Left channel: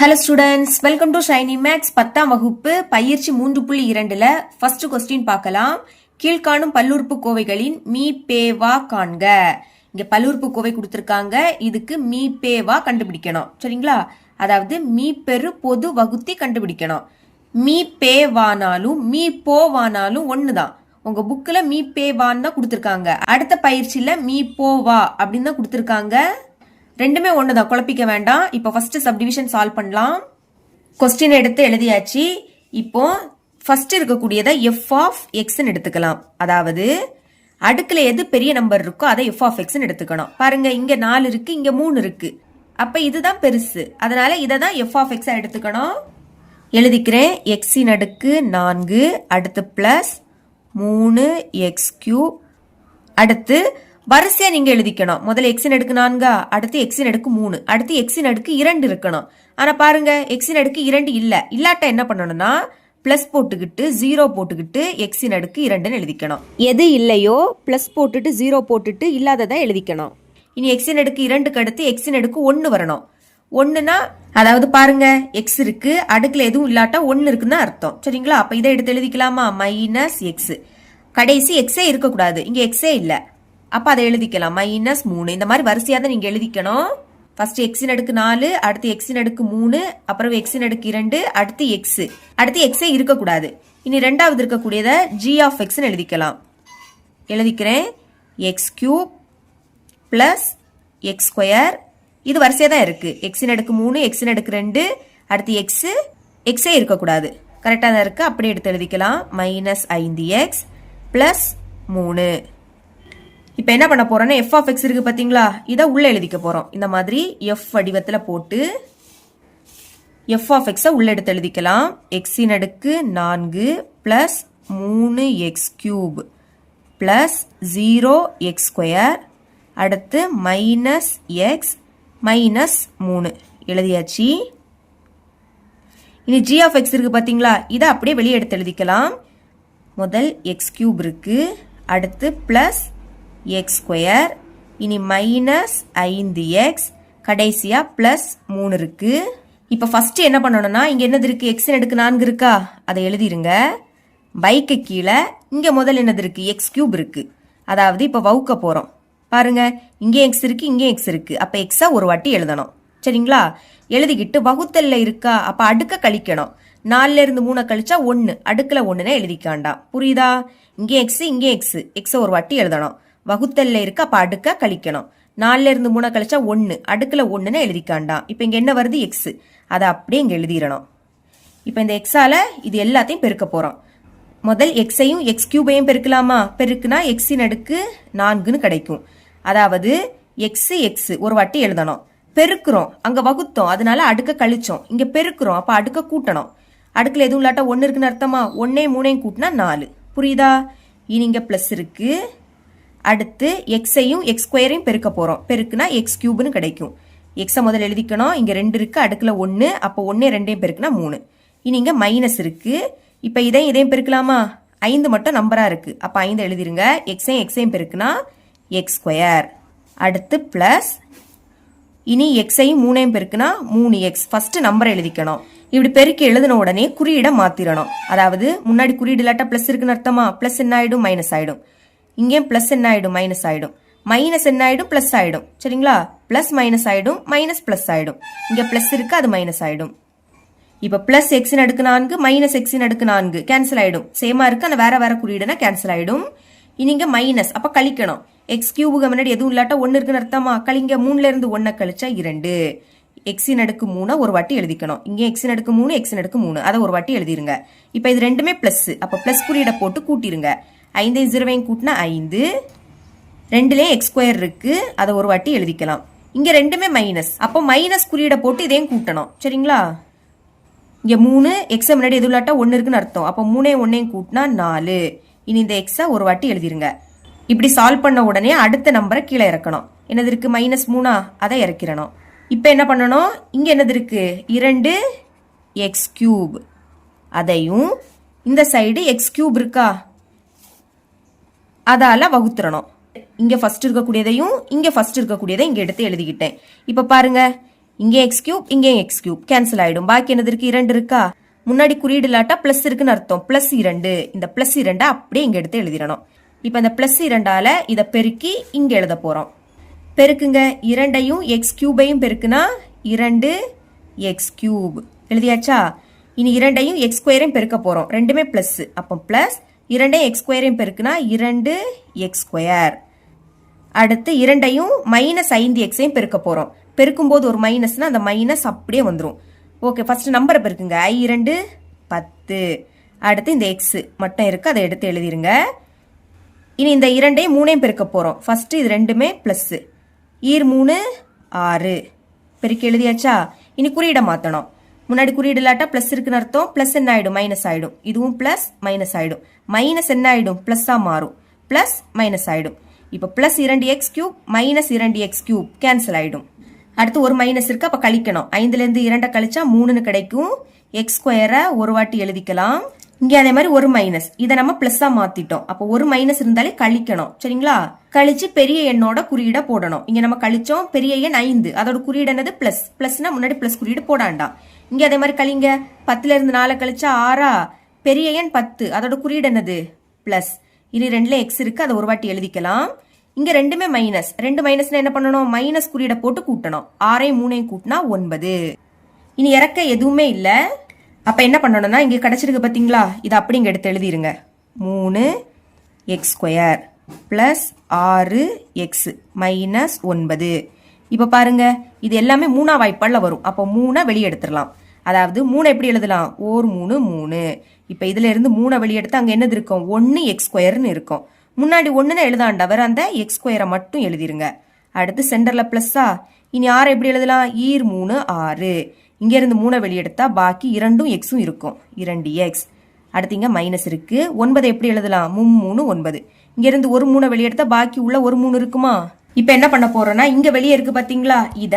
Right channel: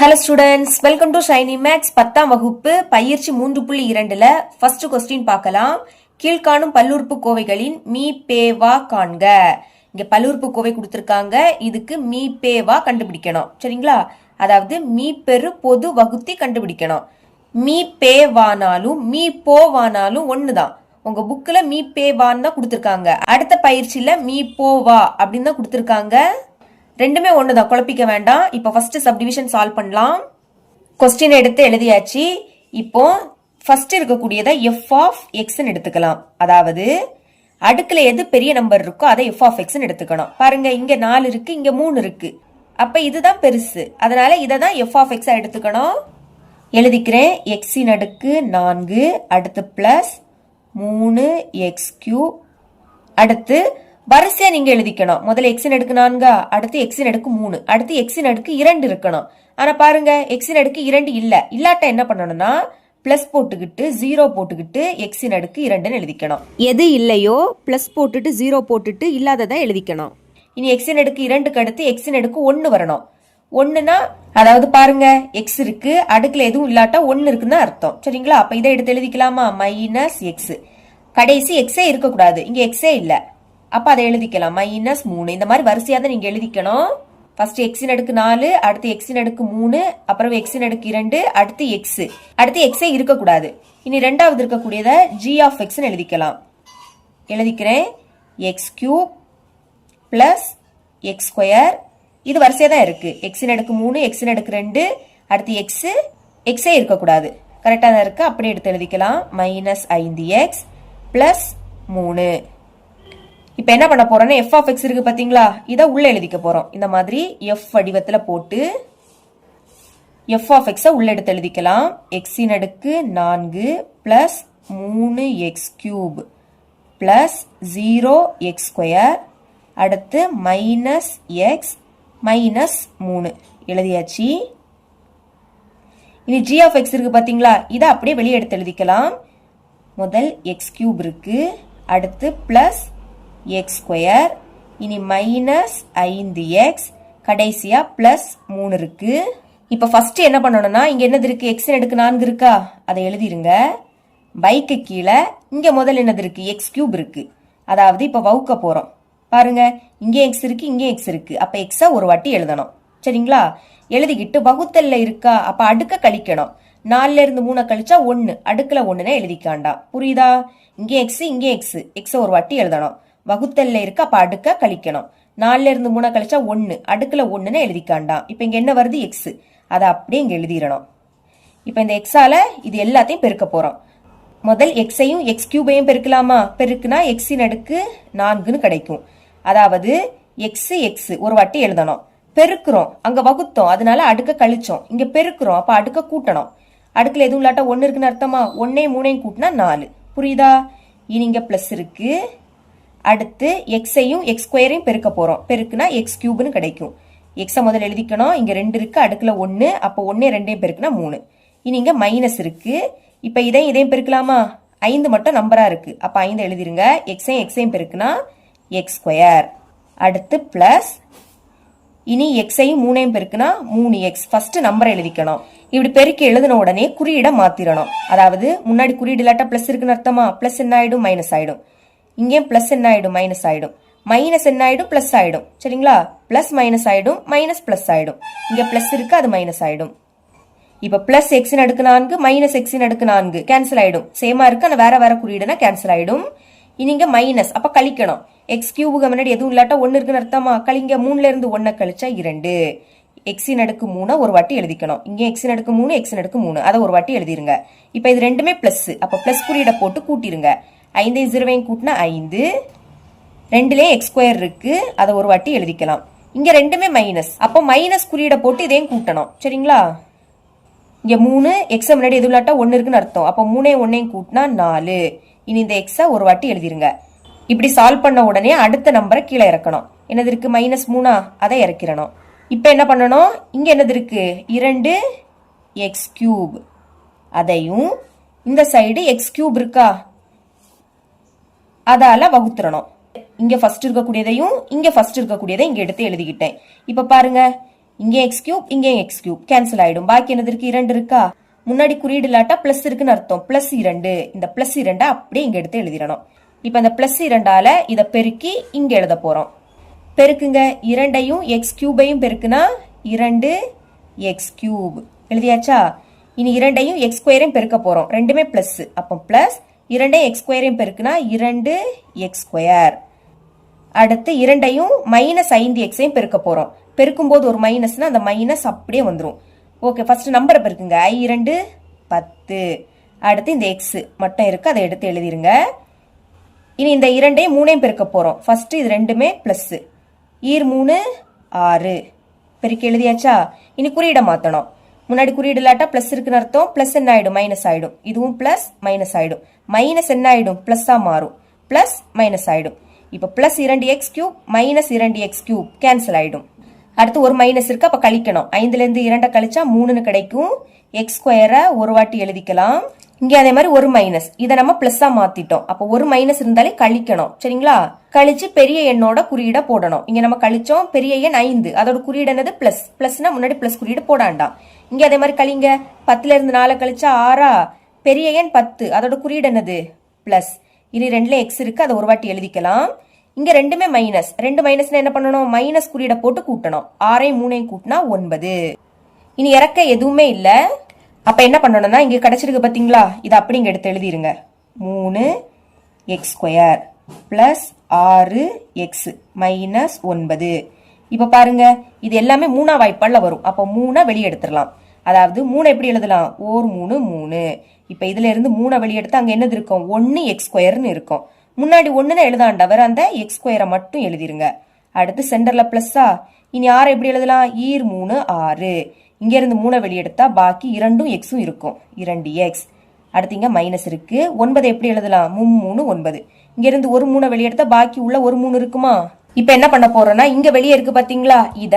Hello students, welcome to Shiny Max 10ஆம் வகுப்பு பயிற்சி 3.2ல ஃபர்ஸ்ட் क्वेश्चन பார்க்கலாம். கீழ்காணும் பல்லுறுப்பு கோவைகளின் மீ பே வா காண்க. இங்க பல்லுறுப்பு கோவை கொடுத்திருக்காங்க. இதுக்கு மீ பே வா கண்டுபிடிக்கணும். சரிங்களா? அதாவது மீ பெரு பொது வகுத்தி கண்டுபிடிக்கணும். மீ பே வானாலும் மீ போ வானாலும் ஒண்ணுதான். உங்க புக்ல மீ பே வான்னு தான் கொடுத்திருக்காங்க. அடுத்த பயிற்சியில மீ போ வா அப்படின்னு தான் கொடுத்திருக்காங்க. ரெண்டுமே ஒண்ணுதான், குழப்பிக்க வேண்டாம். இப்போ ஃபர்ஸ்ட் சப்டிவிஷன் சால்வ் பண்ணலாம். क्वेश्चन எடுத்து எழுதியாச்சு. இப்போ ஃபர்ஸ்ட் இருக்கக்கூடியதை f ஆஃப் x ன்னு எடுத்துக்கலாம். அதாவது அடுக்குல எது பெரிய நம்பர் இருக்கோ அதை f ஆஃப் x ன்னு எடுத்துக்கணும். பாருங்க, இங்க 4 இருக்கு, இங்க 3 இருக்கு. அப்ப இதுதான் பெருசு, அதனால இதை தான் f ஆஃப் x எடுத்துக்கணும். எழுதிக்கிறேன். x இன் அடுக்கு 4, அடுத்து பிளஸ் 3x³ அடுத்து வரிசையா நீங்க எழுதிக்கணும். முதல்ல x இன் அடுக்கு 4, அடுத்து x இன் அடுக்கு 3, அடுத்து x இன் அடுக்கு 2 இருக்கணும். ஆனா பாருங்க, x இன் அடுக்கு 2 இல்லாட்ட என்ன பண்ணணும்னா பிளஸ் போட்டுக்கிட்டு 0 போட்டுக்கிட்டு x இன் அடுக்கு 2ன்னு எழுதிக்கணும். எது இல்லையோ பிளஸ் போட்டுட்டு 0 போட்டுட்டு இல்லாததை எழுதிக்கணும். இனி x இன் அடுக்கு 2க்கு அடுத்து x இன் அடுக்கு 1 வரணும். 1னா அதாவது பாருங்க, x இருக்கு, அடுக்குல எதுவும் இல்லாட்டா 1 இருக்குன்னு அர்த்தம். சரிங்களா? அப்ப இதை எடுத்து எழுதிக்கலாமா? Minus x. கடைசி எக்ஸே இருக்கக்கூடாது, இங்க எக்ஸே இல்ல, அப்ப அதை எழுதிக்கலாம். மைனஸ் 3. இந்த மாதிரி வரிசையா தான் நீங்க எழுதிக்கணும். ஃபர்ஸ்ட் x இன் அடுக்கு 4, அடுத்து x இன் அடுக்கு 3, அப்புறம் x இன் அடுக்கு 2, அடுத்து x. அடுத்து x இருக்கக்கூடாது. இனி ரெண்டாவது இருக்கக்கூடியதை g ஆஃப் x ன்னு எழுதிக்கலாம். எழுதிக்கிறேன். x³ plus x². இது வரிசையா தான் இருக்கு. x இன் அடுக்கு 3, x இன் அடுக்கு 2, அடுத்து x இருக்கக்கூடாது. கரெக்டா தான் இருக்கு. அப்படியே எடுத்து எழுதிக்கலாம். Minus 5x plus 3. இப்ப என்ன பண்ண போறோம்னா f ஆஃப் x இருக்கு பாத்தீங்களா, இத உள்ள எழுதிக்க போறோம். இந்த மாதிரி f வடிவத்துல போட்டு f ஆஃப் x உள்ள எடுத்து எழுதிக்கலாம். x இன் அடுக்கு 4 பிளஸ் 3x³ பிளஸ் 0x², அடுத்து மைனஸ் x மைனஸ் 3 எழுதியாச்சு. இனி g ஆஃப் x இருக்கு பாத்தீங்களா, இத அப்படியே வெளியே எடுத்து எழுதிக்கலாம். முதல் x³ இருக்கு, அடுத்து பிளஸ் x², இனி மைனஸ் 5x, கடைசியா பிளஸ் 3 இருக்கு. இப்ப ஃபர்ஸ்ட் என்ன பண்ணணும்னா, இங்க என்னது இருக்கு? x இன் அடுக்கு 4 இருக்கா, அதை எழுதிருங்க. பைக்கு கீழே இங்க முதல் என்னது இருக்கு? x³ இருக்கு. அதாவது இப்ப வகுக்க போறோம். பாருங்க, இங்க x இருக்கு, இங்க x இருக்கு. அப்ப x ஒரு வாட்டி எழுதணும். சரிங்களா? எழுதிக்கிட்டு வகுத்தல்ல இருக்கா, அப்ப அடுக்க கழிக்கணும். 4ல இருந்து 3 கழிச்சா 1, அடுக்குல 1ன்னு எழுதிக்காண்டா. புரியுதா? இங்க x, இங்க x ஒரு வாட்டி எழுதணும். வகுத்தல்ல இருக்கு, அப்ப அடுக்க கழிக்கணும். 4ல இருந்து 3 கழிச்சா 1, அடுக்குல 1ன்னு எழுதிக்காண்டா. இப்ப இங்க என்ன வருது? x. அதை அப்படியே இங்க எழுதிடணும். இப்ப இந்த x-ஆல இது எல்லாத்தையும் பெருக்க போறோம். முதல் x-ஐயும் x³ பெருக்கலாமா? பெருக்குனா x இன் அடுக்கு 4ன்னு கிடைக்கும். அதாவது x ஒரு வாட்டி எழுதணும். பெருக்குறோம், அங்க வகுத்தோம், அதனால அடுக்க கழிச்சோம். இங்க பெருக்குறோம், அப்ப அடுக்க கூட்டணும். அடுக்குல எதுவும் இல்லாட்டா 1 இருக்குன்னு அர்த்தமா? 1ஐயும் 3ஐயும் கூட்டினா 4. புரியுதா? இனி இங்க பிளஸ் இருக்கு. அடுத்து x-ஐயும் x² பெருக்க போறோம். பெருக்குனா x³ கிடைக்கும். x முதல்ல எழுதிக்கணும். இங்க 2 இருக்கு, அடுக்குல 1, அப்ப 1 2ஐயும் பெருக்குனா 3. இனி இங்க மைனஸ் இருக்கு. இப்ப இதையும் பெருக்கலாமா? 5 மட்டும் நம்பரா இருக்கு, அப்ப 5 எழுதிருங்க. x-ஐயும் பெருக்குனா x². அடுத்து பிளஸ், இனி x-ஐயும் 3ஐயும் பெருக்குனா 3x. ஃபர்ஸ்ட் நம்பரை எழுதிக்கணும். இப்படி பெருக்கி எழுதின உடனே குறியீட மாத்திரணும். அதாவது முன்னாடி குறியீடு இல்லாட்டா பிளஸ் இருக்குன்னு அர்த்தமா? பிளஸ் என்ன ஆயிடும்? மைனஸ் ஆயிடும். இங்கேயும் பிளஸ் என்ன ஆயிடும்? மைனஸ் ஆயிடும். மைனஸ் என்ன ஆயிடும்? பிளஸ் ஆயிடும். சரிங்களா? பிளஸ் மைனஸ் ஆயிடும், மைனஸ் பிளஸ் ஆயிடும். இங்க பிளஸ் இருக்கு, அது மைனஸ் ஆயிடும். இப்ப பிளஸ் x இன் அடுக்கு 4 மைனஸ் x இன் அடுக்கு 4 கேன்சல் ஆயிடும். சேமா இருக்கு, ஆனா வேற வேற குறியீடுனா கேன்சல் ஆயிடும். இனி இங்க மைனஸ், அப்ப கழிக்கணும். x³ முன்னாடி எதுவும் இல்லாட்டா 1 இருக்குன்னு அர்த்தமா? கழிங்க. 3ல இருந்து 1 கழிச்சா 2. x இன் அடுக்கு 3 ஒரு வாட்டி எழுதிக்கணும். இங்க x இன் அடுக்கு 3, x இன் அடுக்கு 3, அதை ஒரு வாட்டி எழுதிருங்க. இப்ப இது ரெண்டுமே பிளஸ், அப்ப பிளஸ் குறியீட போட்டு கூட்டிருங்க. 5 0 கூட்டினா 5. 2லயே x² இருக்கு, அதை ஒரு வாட்டி எழுதிக்கலாம். இங்க ரெண்டுமே மைனஸ், அப்போ மைனஸ் குறியீட போட்டு இதையும் கூட்டணும். சரிங்களா? இங்க 3, x முன்னாடி எதுவும் இல்லாட்டா 1 இருக்குன்னு அர்த்தம். அப்ப 3ஐயும் 1ஐயும் கூட்டினா 4. இனி இந்த x ஒரு வாட்டி எழுதிருங்க. இப்படி சால்வ் பண்ண உடனே அடுத்த நம்பரை கீழே இறக்கணும். என்னது இருக்கு? மைனஸ் 3, அதை இறக்கிடணும். இப்ப என்ன பண்ணணும்? இங்க என்னது இருக்கு? 2x³. அதையும் இந்த சைடு x³ இருக்கா, அதால வகுத்துறணும். இங்க ஃபர்ஸ்ட் இருக்கக்கூடியதையும் இங்க ஃபர்ஸ்ட் இருக்கக்கூடியதை இங்க எடுத்து எழுதிக்கிட்டேன். இப்ப பாருங்க, இங்கே எக்ஸ் கியூப் இங்கே எக்ஸ் கியூப் கேன்சல் ஆயிடும். பாக்கி என்னது இருக்கு? 2 இருக்கா? முன்னாடி குறியீடு இல்லாட்டா பிளஸ் இருக்குன்னு அர்த்தம். +2 இந்த +2 அப்படியே இங்க எடுத்து எழுதிடணும். இப்ப இந்த +2ஆல இதை பெருக்கி இங்க எழுத போறோம். பெருக்குங்க. 2ஐயும் எக்ஸ் கியூபையும் பெருக்குனா 2x³ எழுதியாச்சா? இனி 2ஐயும் x² பெருக்க போறோம். ரெண்டுமே பிளஸ். அப்போ பிளஸ் 2ஐயும் x² பெருக்குனா 2x². அடுத்து 2ஐயும் -5x பெருக்க போறோம். பெருக்கும் போது ஒரு மைனஸ்னா அந்த மைனஸ் அப்படியே வந்துடும். ஓகே, ஃபர்ஸ்ட் நம்பரை பெருக்குங்க. i2 10. அடுத்து இந்த எக்ஸ் மட்டும் இருக்கு, அதை எடுத்து எழுதிருங்க. இனி இந்த 2ஐயும் 3ஐயும் பெருக்க போறோம். ஃபர்ஸ்ட் இது ரெண்டுமே பிளஸ். 3 6 பெருக்கி எழுதியாச்சா? இனி குறியீடை மாத்தணும். முன்னாடி குறியீடு இல்லாட்டா பிளஸ் இருக்குன்னு அர்த்தம். பிளஸ் என்ன ஆயிடும்? மைனஸ் ஆயிடும். இதுவும் பிளஸ் மைனஸ் ஆயிடும். மைனஸ் என்ன ஆயிடும்? பிளஸ்ஸா மாறும். பிளஸ் மைனஸ் ஆயிடும். இப்ப plus 2x³ minus 2x³ cancel ஆயிடும். அடுத்து ஒரு மைனஸ் இருக்கு, அப்ப கழிக்கணும். 5ல இருந்து 2 கழிச்சா 3 கிடைக்கும். x² ஒரு வாட்டி எழுதிக்கலாம். இங்க அதே மாதிரி ஒரு மைனஸ், இதை நம்ம பிளஸ்ஸா மாத்திட்டோம். அப்ப ஒரு மைனஸ் இருந்தாலே கழிக்கணும். சரிங்களா? கழிச்சு பெரிய எண்ணோட குறியீட போடணும். இங்க நம்ம கழிச்சோம். பெரிய எண் 5, அதோட குறியீடு என்னது? பிளஸ். பிளஸ்னா முன்னாடி பிளஸ் குறியீடு போடாண்டாம். இங்க அதே மாதிரி கழிங்க. 10ல இருந்து 4 கழிச்சா 6. பெரிய எண் 10, அதோட குறியீடு என்னது? பிளஸ். இனி 2ல எக்ஸ் இருக்கு, அதை ஒரு வாட்டி எழுதிக்கலாம். இங்க ரெண்டுமே மைனஸ். 2 மைனஸ்னா என்ன பண்ணணும்? மைனஸ் குறியீட போட்டு கூட்டணும். 6ஐயும் 3ஐயும் கூட்டினா 9. இனி இறக்க எதுவுமே இல்ல. அப்ப என்ன பண்ணணும்னா இங்க கிடைச்சிருக்கு பாத்தீங்களா? இதை அப்படி இங்க எடுத்து எழுதிருங்க. 3x² plus 6x minus 9. இப்ப பாருங்க, இது எல்லாமே 3ஆ வாய்ப்பாடுல வரும். அப்போ 3 வெளியே எடுத்துடலாம். அதாவது 3 எப்படி எழுதலாம்? 3 3. இப்ப இதுல இருந்து 3 வெளியே எடுத்து அங்க என்னது இருக்கும்? 1x² இருக்கும். முன்னாடி 1ன்னு எழுதாண்டா, வேற அந்த x² மட்டும் எழுதிருங்க. அடுத்து சென்டர்ல பிளஸ்ஸா? இனி 6 எப்படி எழுதலாம்? 3 6. இங்க இருந்து 3 வெளியெடுத்தா பாக்கி 2ம் எக்ஸும் இருக்கும். 2x. அடுத்து இங்க மைனஸ் இருக்கு. 9 எப்படி எழுதலாம்? 3 9. இங்க இருந்து ஒரு 3 வெளியெடுத்தா பாக்கி உள்ள ஒரு 3 இருக்குமா? இப்ப என்ன பண்ண போறேன்னா, இங்க வெளியே இருக்கு பாத்தீங்களா? இத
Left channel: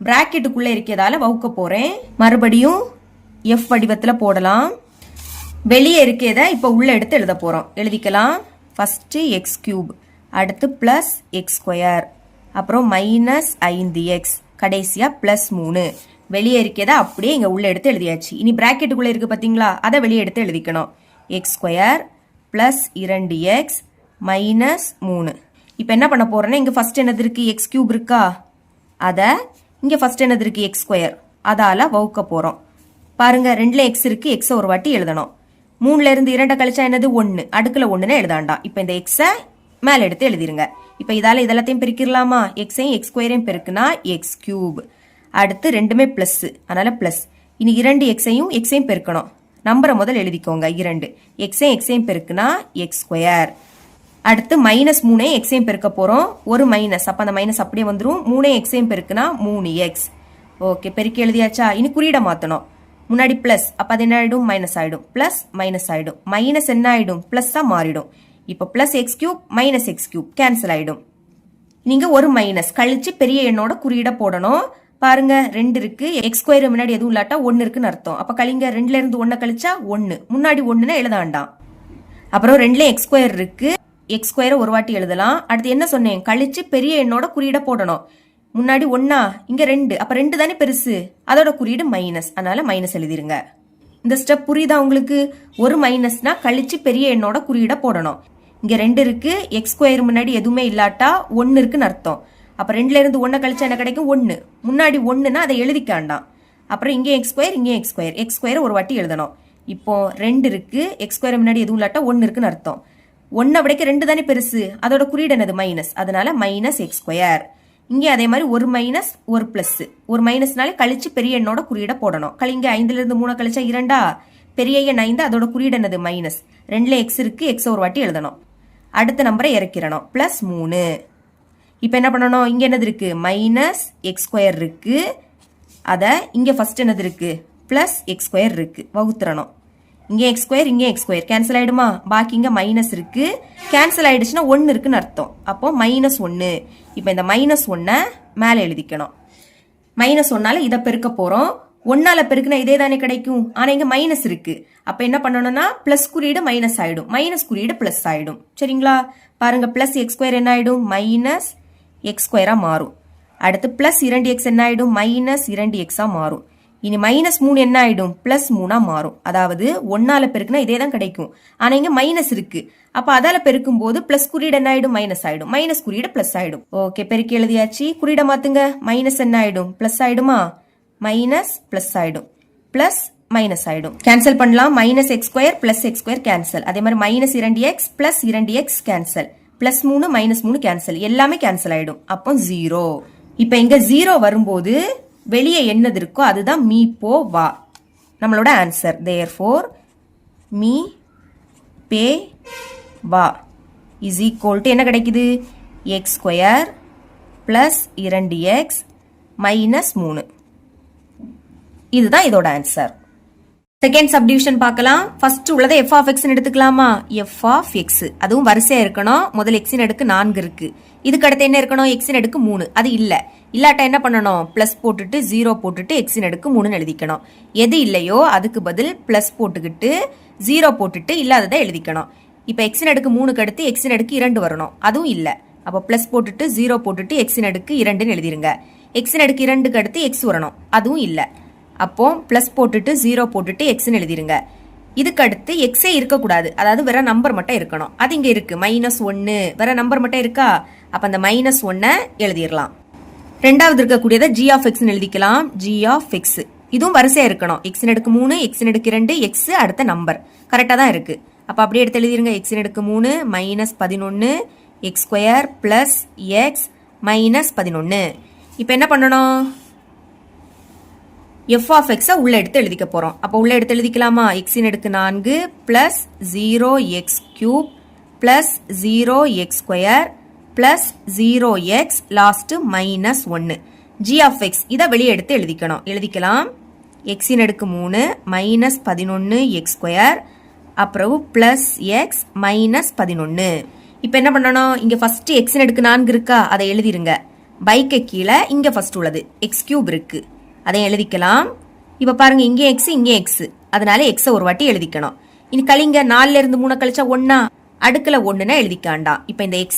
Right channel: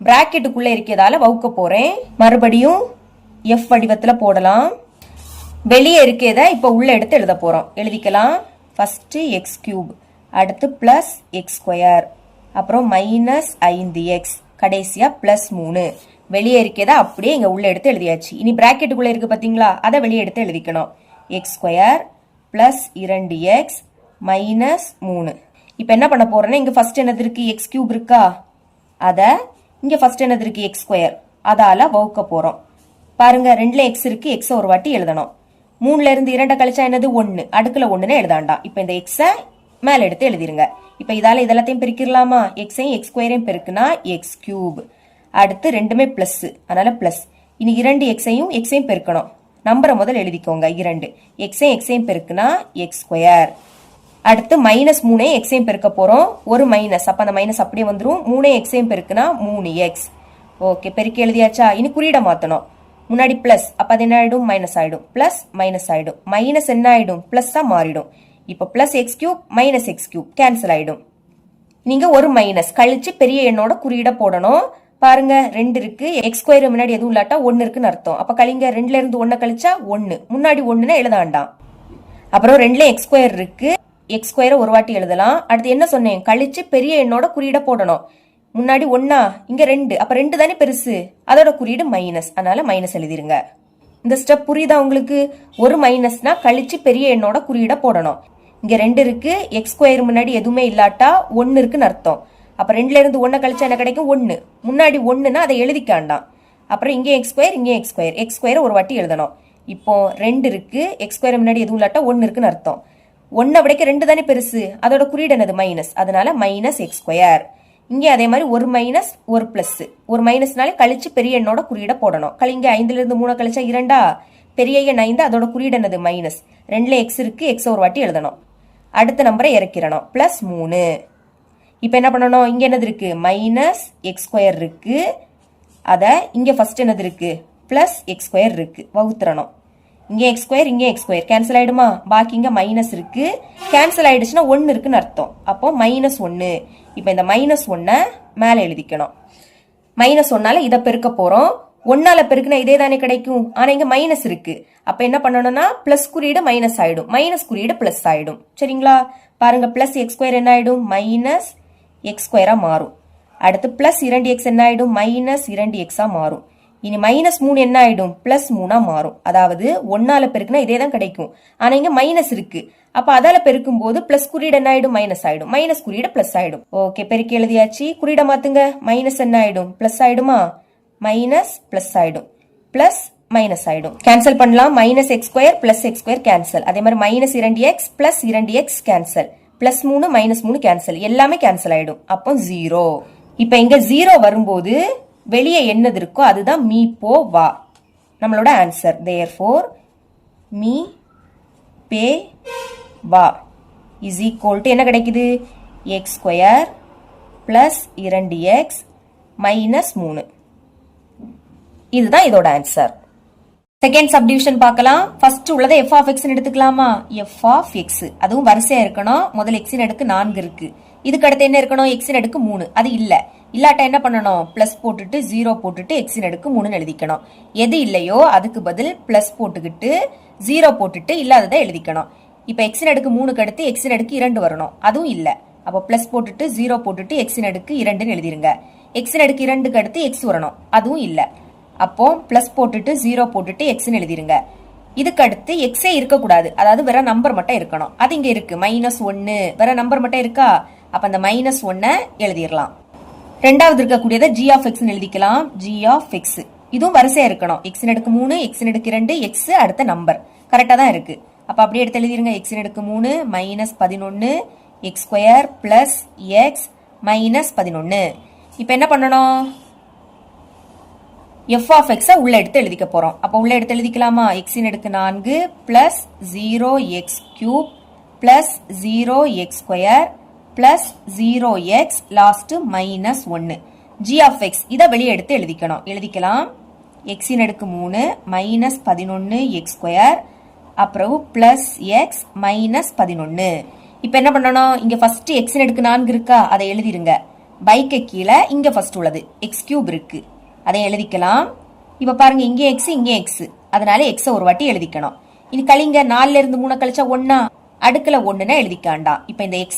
பிராக்கெட்டுக்குள்ள இருக்கிறதால வகுக்க போறேன். மறுபடியும் f வடிவத்துல போடலாம். வெளியே இருக்கேத இப்ப உள்ள எடுத்து எழுத போறோம். எழுதிக்கலாம். ஃபர்ஸ்ட் x³ அடுத்து பிளஸ் x², அப்புறம் -5x, கடைசியா +3. வெளியே இருக்கேதா அப்படியே இங்க உள்ள எடுத்து எழுதியாச்சு. இனி பிராக்கெட்டுக்குள்ள இருக்கு பாத்தீங்களா? அதை வெளியே எடுத்து எழுதிக்கணும். x² plus 2x -3. இப்ப என்ன பண்ண போறேன்னா, இங்க ஃபர்ஸ்ட் என்னது இருக்கு? x³ இருக்கா? அத இங்க ஃபர்ஸ்ட் என்னது இருக்கு? x². அதால வகுக்க போறோம். பாருங்க, 2ல x இருக்கு, x ஒரு வாட்டி எழுதணும். 3ல இருந்து 2 கழிச்சா என்னது? 1. அடுக்குல 1ன்னு எழுதாண்டாம். இப்ப இந்த x மேல எடுத்து எழுதிருங்க. இப்ப இதால இதெல்லாத்தையும் பெருக்கிடலாமா? x-ஐயும் x² பெருக்குனா x³ அடுத்து ரெண்டுமே பிளஸ், அதனால பிளஸ். இனி 2x-ஐயும் x-ஐயும் பெருக்கணும். நம்பரை முதல் எழுதிக்கோங்க. 2 x-ஐயும் x-ஐயும் பெருக்குனா x². அடுத்து -3ஐயும் x-ஐயும் பெருக்க போறோம். ஒரு மைனஸ், அப்ப அந்த மைனஸ் அப்படியே வந்துரும். 3ஐயும் x-ஐயும் பெருக்குனா 3x. ஓகே, பெருக்கி எழுதியாச்சா? இனி குறியீட மாத்தணும். முன்னாடி பிளஸ், அப்ப அது என்ன ஆயிடும்? மைனஸ் ஆயிடும். பிளஸ் மைனஸ் ஆயிடும். மைனஸ் என்ன ஆயிடும்? பிளஸ்ஸா மாறிடும். இப்ப plus x³ minus x³ cancel ஆயிடும். நீங்க ஒரு மைனஸ் கழிச்சு பெரிய எண்ணோட குறியீட போடணும். பாருங்க, 2 இருக்கு, x² முன்னாடி எதுவும் இல்லாட்டா 1 இருக்குன்னு அர்த்தம். அப்ப கழிங்க. 2ல இருந்து 1 கழிச்சா 1. முன்னாடி 1ன்னு எழுத வேண்டாம். அப்புறம் 2ல x² இருக்கு, x² ஒரு வாட்டி எழுதலாம். அடுத்து என்ன சொன்னேன்? கழிச்சு பெரிய எண்ணோட குறியீட போடணும். முன்னாடி 1, இங்க 2, அப்ப 2 தானே பெருசு, அதோட குறியீடு மைனஸ், அதனால மைனஸ் எழுதிருங்க. இந்த ஸ்டெப் புரியுதா உங்களுக்கு? ஒரு மைனஸ்னா கழிச்சு பெரிய எண்ணோட குறியீட போடணும். இங்க 2 இருக்கு, x² முன்னாடி எதுவுமே இல்லாட்டா 1 இருக்குன்னு அர்த்தம். அப்ப 2ல இருந்து 1 கழிச்சா என்ன கிடைக்கும்? 1. முன்னாடி 1ன்னா அதை எழுதிக்காண்டாம். அப்புறம் இங்கே x², இங்கே x² ஒரு வாட்டி எழுதணும். இப்போ 2 இருக்கு, x² முன்னாடி எதுவும் இல்லாட்டா 1 இருக்குன்னு அர்த்தம். 1 விடைக்க 2 தானே பெருசு, அதோட குறியீடு என்னது? மைனஸ், அதனால -x². இங்கே அதே மாதிரி ஒரு மைனஸ் ஒரு பிளஸ். ஒரு மைனஸ்னாலே கழிச்சு பெரிய எண்ணோட குறியீட போடணும். கழிங்க. 5ல இருந்து 3 கழிச்சா 2. பெரிய எண் 5, அதோட குறியீடு என்னது? மைனஸ். 2ல x இருக்கு, x ஒரு வாட்டி எழுதணும். அடுத்த நம்பரை இறக்கிடணும். +3. இப்ப என்ன பண்ணணும்? இங்க என்னது இருக்கு? -x² இருக்கு. அத இங்க ஃபர்ஸ்ட் என்னது இருக்கு? +x² இருக்கு. வகுத்துறணும். இங்க x², இங்க x² கேன்சல் ஆயிடுமா? பாக்கி இங்க மைனஸ் இருக்கு. கேன்சல் ஆயிடுச்சுன்னா 1 இருக்குன்னு அர்த்தம். அப்போ -1. இப்ப இந்த -1 மேல எழுதிக்கணும். -1ஆல இதை பெருக்க போறோம். 1ஆல பெருக்குனா இதே தானே கிடைக்கும். ஆனா இங்க மைனஸ் இருக்கு. அப்ப என்ன பண்ணணும்னா பிளஸ் குறியீடு மைனஸ் ஆயிடும், மைனஸ் குறியீடு பிளஸ் ஆயிடும். சரிங்களா? பாருங்க, பிளஸ் x² என்ன ஆயிடும்? -x² மாறும். அடுத்து பிளஸ் 2x என்ன ஆயிடும் மைனஸ் 2x மாறும். இனி மைனஸ் 3 என்ன ஆயிடும் பிளஸ் 3 மாறும். அதாவது 1ஆல பெருக்குனா இதே தான் கிடைக்கும். ஆனா இங்க மைனஸ் இருக்கு. அப்ப அதால பெருக்கும் போது பிளஸ் குறியீடு என்ன ஆயிடும் மைனஸ் ஆயிடும், மைனஸ் குறியீடு பிளஸ் ஆயிடும். ஓகே, பெருக்கி எழுதியாச்சு. குறியீட மாத்துங்க. மைனஸ் என்ன ஆயிடும் பிளஸ் ஆயிடுமா, மைனஸ் பிளஸ் ஆயிடும், பிளஸ் மைனஸ் ஆயிடும். கேன்சல் பண்ணலாம். Minus X square plus X square cancel. அதே மாதிரி minus 2x plus 2x cancel, plus 3 minus 3 cancel, எல்லாமே கேன்சல் ஆயிடும். அப்போ 0. இப்ப இங்க 0 வரும்போது வெளியே என்னது இருக்கோ அதுதான் மீ போ வா நம்மளோட ஆன்சர். therefore மீ பே வா இஸ் ஈக்குவல் டு என்ன கிடைக்குது X square plus 2x minus 3. இதுதான் இதோட ஆன்சர். செகண்ட் சப்டிவிஷன் பார்க்கலாம். ஃபர்ஸ்ட் உள்ளதை f of x எடுத்துக்கலாமா, f of x அதுவும் வரிசையா இருக்கணும். முதல் x இன் அடுக்கு 4 இருக்கு. இதுக்கு அடுத்து என்ன இருக்கணும் x இன் அடுக்கு 3. அது இல்ல, இல்லாட்ட என்ன பண்ணணும் பிளஸ் போட்டுட்டு 0 போட்டுட்டு x இன் அடுக்கு 3 எழுதிக்கணும். எது இல்லையோ அதுக்கு பதில் பிளஸ் போட்டுக்கிட்டு 0 போட்டுட்டு இல்லாததை எழுதிக்கணும். இப்ப x இன் அடுக்கு 3க்கு அடுத்து x இன் அடுக்கு 2 வரணும். அதுவும் இல்ல, அப்ப பிளஸ் போட்டுட்டு 0 போட்டுட்டு x இன் அடுக்கு 2ன்னு எழுதிருங்க. x இன் அடுக்கு 2க்கு அடுத்து x வரணும். அதுவும் இல்ல, அப்போ பிளஸ் போட்டுட்டு 0 போட்டுட்டு எக்ஸ்ன்னு எழுதிருங்க. இதுக்கு அடுத்து எக்ஸே இருக்கக்கூடாது, அதாவது வேற நம்பர் மட்டும் இருக்கணும். அது இங்க இருக்கு -1, வேற நம்பர் மட்டும் இருக்கா, அப்ப அந்த -1 எழுதிடலாம். ரெண்டாவது இருக்கக்கூடியதை g of x எழுதிக்கலாம். g of x இதுவும் வரிசையா இருக்கணும். x இன் அடுக்கு 3 x இன் அடுக்கு 2 x அடுத்த நம்பர் கரெக்டா தான் இருக்கு. அப்ப அப்படியே எடுத்து எழுதிருங்க. x இன் அடுக்கு 3 minus 11 X square plus X minus 11. இப்ப என்ன பண்ணணும் f of x உள்ள எடுத்து எழுதிக்க போறோம். அப்ப உள்ள எடுத்து எழுதிக்கலாமா, x இன் அடுக்கு 4 plus 0x cube plus 0x square plus 0x last minus 1. g of x இதை வெளியே எடுத்து எழுதிக்கணும். எழுதிக்கலாம். x இன் அடுக்கு 3 மைனஸ் 11 எக்ஸ் ஸ்கொயர் அப்புறம் பிளஸ் எக்ஸ் மைனஸ் 11. இப்ப என்ன பண்ணணும், இங்க ஃபர்ஸ்ட் x இன் அடுக்கு 4 இருக்கா, அதை எழுதிருங்க. பைக்கு கீழே இங்க ஃபர்ஸ்ட் உள்ளது x கியூப் இருக்கு, அதை எழுதிக்கலாம். இப்ப பாருங்க இங்கே x இங்கே x, அதனால x ஒரு வாட்டி எழுதிக்கணும். இனி கழிங்க. 4ல இருந்து 3 கழிச்சா 1 அடுக்குல 1ன்னு எழுதிக்காண்டாம். இப்ப இந்த x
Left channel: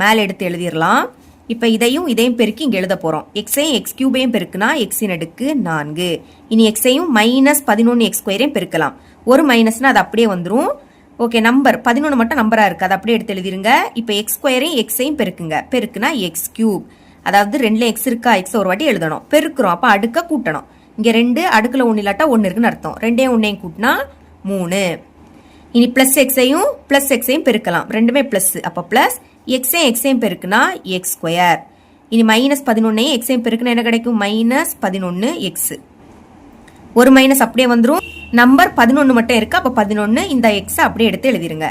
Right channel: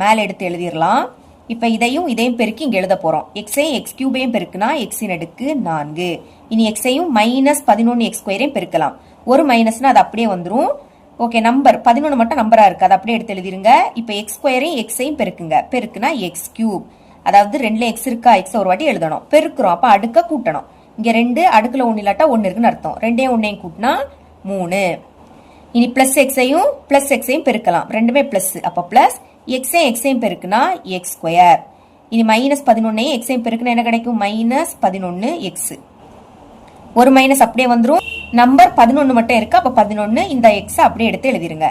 மேல எடுத்து எழுதிடலாம். இப்ப இதையும் பெருக்கி இங்க எழுத போறோம். xஐயும் x கியூபையும் பெருக்குனா x இன் அடுக்கு 4. இனி xஐயும் மைனஸ் 11 x ஸ்கொயரையும் பெருக்கலாம். ஒரு மைனஸ்னா அது அப்படியே வந்துரும். ஓகே, நம்பர் 11 மட்டும் நம்பரா இருக்கு, அதை அப்படியே எடுத்து எழுதிருங்க. இப்ப x ஸ்கொயரையும் xஐயும் பெருக்குங்க. பெருக்குனா x கியூப், அதாவது 2ல x இருக்கா, x ஒரு வாட்டி எழுதணும். பெருக்குறோம், அப்ப அடுக்க கூட்டணும். இங்க 2 அடுக்குல 1 இல்லாட்டா 1 இருக்குன்னு அர்த்தம். 2 1 கூட்டினா 3. இனி பிளஸ் எக்ஸையும் பெருக்கலாம். ரெண்டுமே பிளஸ், அப்ப பிளஸ் எக்ஸையும் பெருக்குனா எக்ஸ் ஸ்கொயர். இனி மைனஸ் 11 எக்ஸையும் பெருக்குனா என்ன கிடைக்கும் மைனஸ் 11 எக்ஸ். ஒரு மைனஸ் அப்படியே வந்துரும். நம்பர் 11 மட்டும் இருக்கு, அப்ப 11. இந்த எக்ஸ் அப்படியே எடுத்து எழுதிருங்க.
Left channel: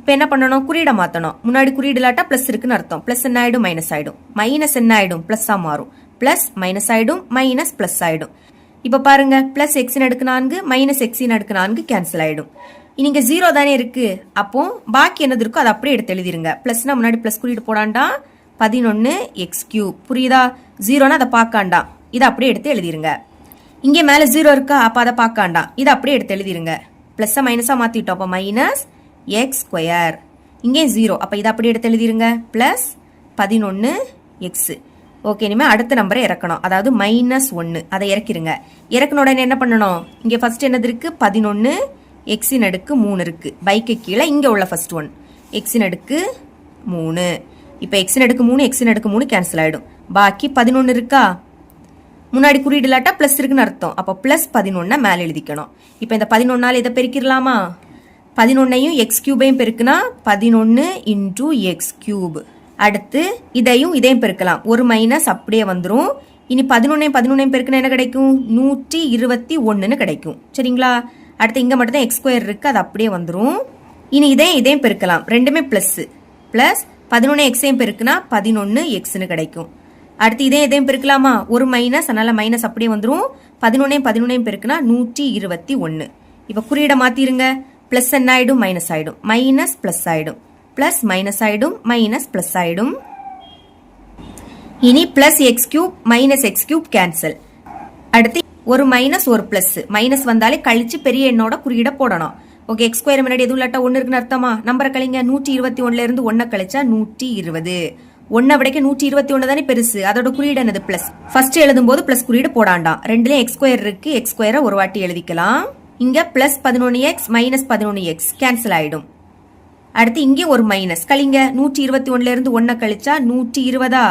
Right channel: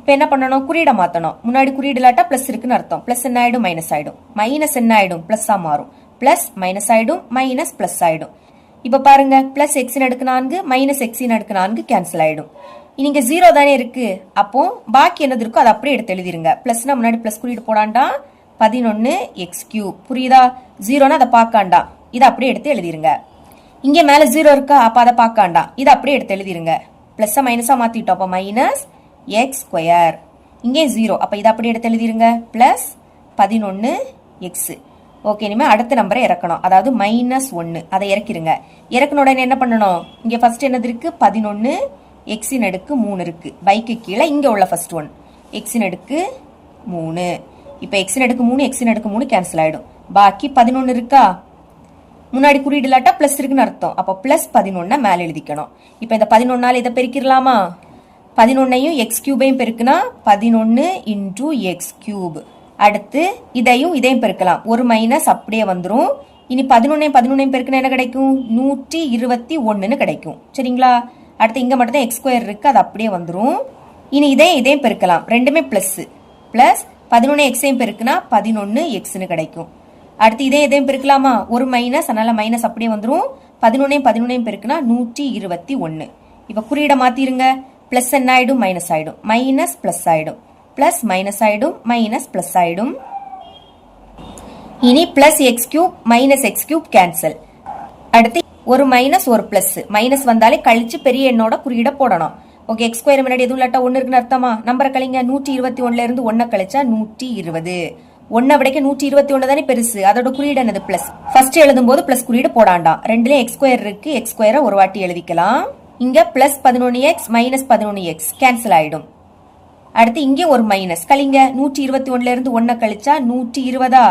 இப்ப என்ன பண்ணணும், குறியீட மாத்தணும். முன்னாடி குறியீடு இல்லாட்டா பிளஸ் இருக்குன்னு அர்த்தம். பிளஸ் என்ன ஆயிடும் மைனஸ் ஆயிடும், மைனஸ் என்ன ஆயிடும் பிளஸ்ஸா மாறும். பிளஸ் மைனஸ் ஆயிடும், மைனஸ் பிளஸ் ஆயிடும். இப்ப பாருங்க, பிளஸ் எக்ஸ் இன் அடுக்கு 4 மைனஸ் எக்ஸ் இன் அடுக்கு 4 கேன்சல் ஆயிடும். இங்க 0 தானே இருக்கு, அப்போ பாக்கி என்னது இருக்கோ அதை அப்படியே எடுத்து எழுதிருங்க. பிளஸ்னா முன்னாடி பிளஸ் குறியீடு போடாண்டா 11 எக்ஸ் கியூப். புரியுதா, 0னா அதை பார்க்காண்டா, இதை அப்படியே எடுத்து எழுதிருங்க. இங்க மேல 0 இருக்கா, அப்ப அதை பார்க்காண்டா, இதை அப்படியே எடுத்து எழுதிருங்க. பிளஸ் மைனஸா மாத்திட்டோம், அப்ப மைனஸ் எக்ஸ் ஸ்கொயர். இங்கே 0, அப்ப இதை அப்படியே எடுத்து எழுதிருங்க. Plus 11 X. ஓகே, இனிமே அடுத்த நம்பரை இறக்கணும், அதாவது -1. அதை இறக்கிருங்க. இறக்கின உடனே என்ன பண்ணணும், இங்க ஃபர்ஸ்ட் என்னது இருக்கு 11 எக்ஸ் இன் அடுக்கு 3 இருக்கு. பைக்கு கீழே இங்க உள்ள ஃபர்ஸ்ட் ஒன் எக்ஸ் இன் அடுக்கு 3. இப்ப எக்ஸ் இன் அடுக்கு 3 எக்ஸ் இன் அடுக்கு 3 கேன்சல் ஆயிடும். பாக்கி 11 இருக்கா, முன்னாடி குறியீடு இல்லாட்டா பிளஸ் இருக்குன்னு அர்த்தம். அப்ப பிளஸ் 11 மேல எழுதிக்கணும். இப்ப இந்த 11ஆல இதை பெருக்கிடலாமா, 11ஐயும் எக்ஸ் கியூபையும் பெருக்குனா 11 இன்டூ எக்ஸ் கியூப். அடுத்து இதையும் பெருக்கலாம். ஒரு மைனஸ் அப்படியே வந்துரும். இனி 11 பெருக்குனா என்ன கிடைக்கும் 121 கிடைக்கும். சரிங்களா, அடுத்து இங்க மட்டும் தான் எக்ஸ் ஸ்கொயர் இருக்கு, அது அப்படியே வந்துரும். இனி இதையும் பெருக்கலாம். ரெண்டுமே பிளஸ். பிளஸ் 11 எக்ஸையும் பெருக்குனா 11 எக்ஸ்னு கிடைக்கும். அடுத்து இதையும் பெருக்கலாமா, ஒரு மைனஸ், அதனால மைனஸ் அப்படியே வந்துரும். 11 பெருக்குனா 121. இப்ப குறியீட மாத்திருங்க. பிளஸ் என்ன ஆயிடும் மைனஸ் ஆயிடும், மைனஸ் பிளஸ் ஆயிடும், பிளஸ் மைனஸ் ஆயிடும், மைனஸ் பிளஸ் ஆயிடும். இனி plus X cube minus X cube cancel. அடுத்து ஒரு மைனஸ் ஒரு பிளஸ், மைனஸ் வந்தாலே கழிச்சு பெரிய எண்ணோட குறியீட போடணும். ஓகே, எக்ஸ் ஸ்கொயர் முன்னாடி எதுவும் இல்லாட்டா 1 இருக்குன்னு அர்த்தமா. நம்பரை கழிங்க. 121ல இருந்து 1 கழிச்சா 120. 1 விடைக்க 121 தானே பெருசு, அதோட குறியீடு என்னது பிளஸ். ஃபர்ஸ்ட் எழுதும் போது பிளஸ் குறியீடு போடாண்டாம். ரெண்டுலயும் எக்ஸ் ஸ்கொயர் இருக்கு, எக்ஸ் ஸ்கொயரை ஒரு வாட்டி எழுதிக்கலாம். இங்க plus 11x minus 11x cancel ஆயிடும். அடுத்து இங்கே ஒரு மைனஸ் கழிங்க. 121ல இருந்து 1 கழிச்சா 120,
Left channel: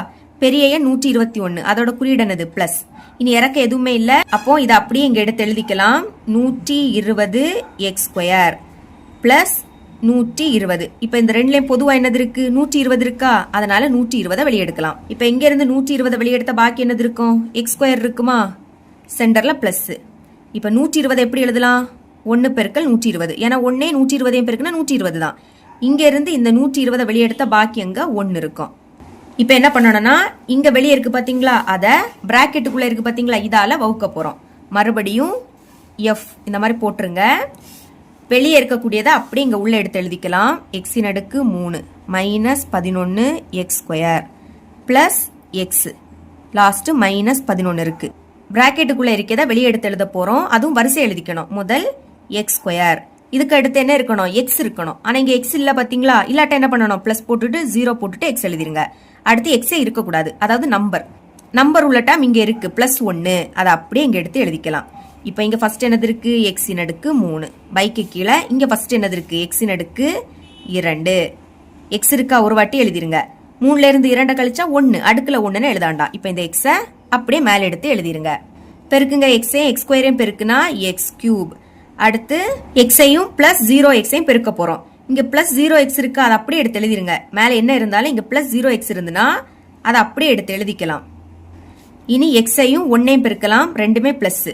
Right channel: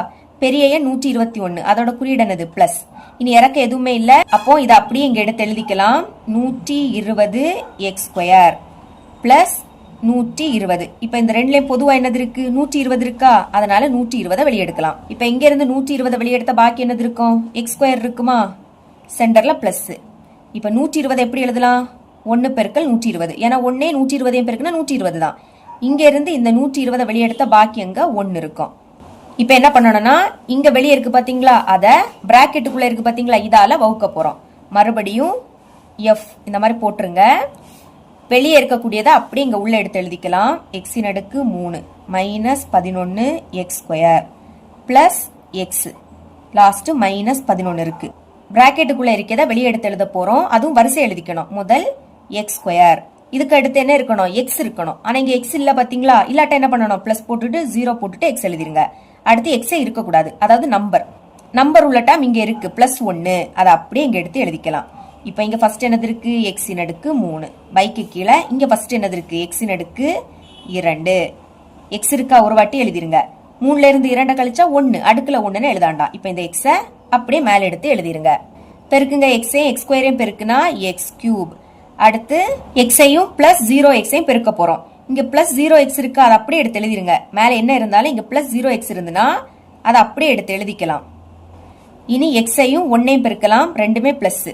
பெரிய எண் 121, அதோட குறியீடு என்னது பிளஸ். இனி இறக்க எதுவுமே இல்ல, அப்போ இதை அப்படியே இங்க எடுத்து எழுதிக்கலாம். 120 எக்ஸ் ஸ்கொயர் பிளஸ் 120. இப்ப இந்த ரெண்டுலயும் பொதுவா என்னது இருக்கு, 120 இருக்கா, அதனால 120 வெளியெடுக்கலாம். இப்ப இங்க இருந்து 120 வெளியெடுத்த பாக்கி என்னது இருக்கும், எக்ஸ் ஸ்கொயர் இருக்குமா, சென்டர்ல பிளஸ். இப்ப 120 எப்படி எழுதலாம், 1 பெருக்கல் 120, ஏன்னா 1 120 பெருக்குனா 120 தான். இங்க இருந்து இந்த 120 வெளியெடுத்த பாக்கி அங்க 1 இருக்கும். இப்ப என்ன பண்ணணும்னா, இங்க வெளியே இருக்கு பாத்தீங்களா, அத பிராக்கெட்டுக்குள்ள இருக்கு பாத்தீங்களா, இதால வகுக்க போறோம். மறுபடியும் எஃப் இந்த மாதிரி போட்டுருங்க. வெளியே இருக்கக்கூடியதை அப்படி இங்க உள்ள எடுத்து எழுதிக்கலாம். எக்ஸின் அடுக்கு 3 minus 11 X square plus X, last minus 11 இருக்கு. பிராக்கெட்டுக்குள்ள இருக்கிறத வெளியே எடுத்து எழுத போறோம். அதுவும் வரிசை எழுதிக்கணும். முதல் எக்ஸ் ஸ்கொயர், இதுக்கு அடுத்து என்ன இருக்கணும், எக்ஸ் இருக்கணும். ஆனா இங்க எக்ஸ் இல்ல பாத்தீங்களா, இல்லாட்ட என்ன பண்ணணும், பிளஸ் போட்டுட்டு 0 போட்டுட்டு எக்ஸ் எழுதிருங்க. அடுத்து எக்ஸே இருக்கக்கூடாது, அதாவது நம்பர் உள்ள டைம் இங்க இருக்கு பிளஸ் 1, அதை அப்படியே இங்க எடுத்து எழுதிக்கலாம். இப்ப இங்க ஃபர்ஸ்ட் என்னது இருக்கு, எக்ஸின் அடுக்கு 3, பைக்கு கீழே இங்க ஃபர்ஸ்ட் என்னது இருக்கு, எக்ஸின் அடுக்கு 2, எக்ஸ் இருக்கா, ஒரு வாட்டி எழுதிருங்க. 3ல இருந்து 2 கழிச்சா 1, அடுக்குல 1ன்னு எழுதாண்டாம். இப்ப இந்த எக்ஸ அப்படியே மேல எடுத்து எழுதிருங்க. பெருக்குங்க, எக்ஸையும் எக்ஸ் ஸ்கொயரையும் பெருக்குனா எக்ஸ் கியூப். அடுத்து எக்ஸையும் பிளஸ் 0x பெருக்க போறோம். இங்க பிளஸ் 0x இருக்கா, அதை அப்படியே எடுத்து எழுதிருங்க. மேல என்ன இருந்தாலும் இங்க பிளஸ் 0x இருந்துன்னா அதை அப்படியே எடுத்து எழுதிக்கலாம். இனி எக்ஸையும் 1ஐயும் பெருக்கலாம், ரெண்டுமே பிளஸ்.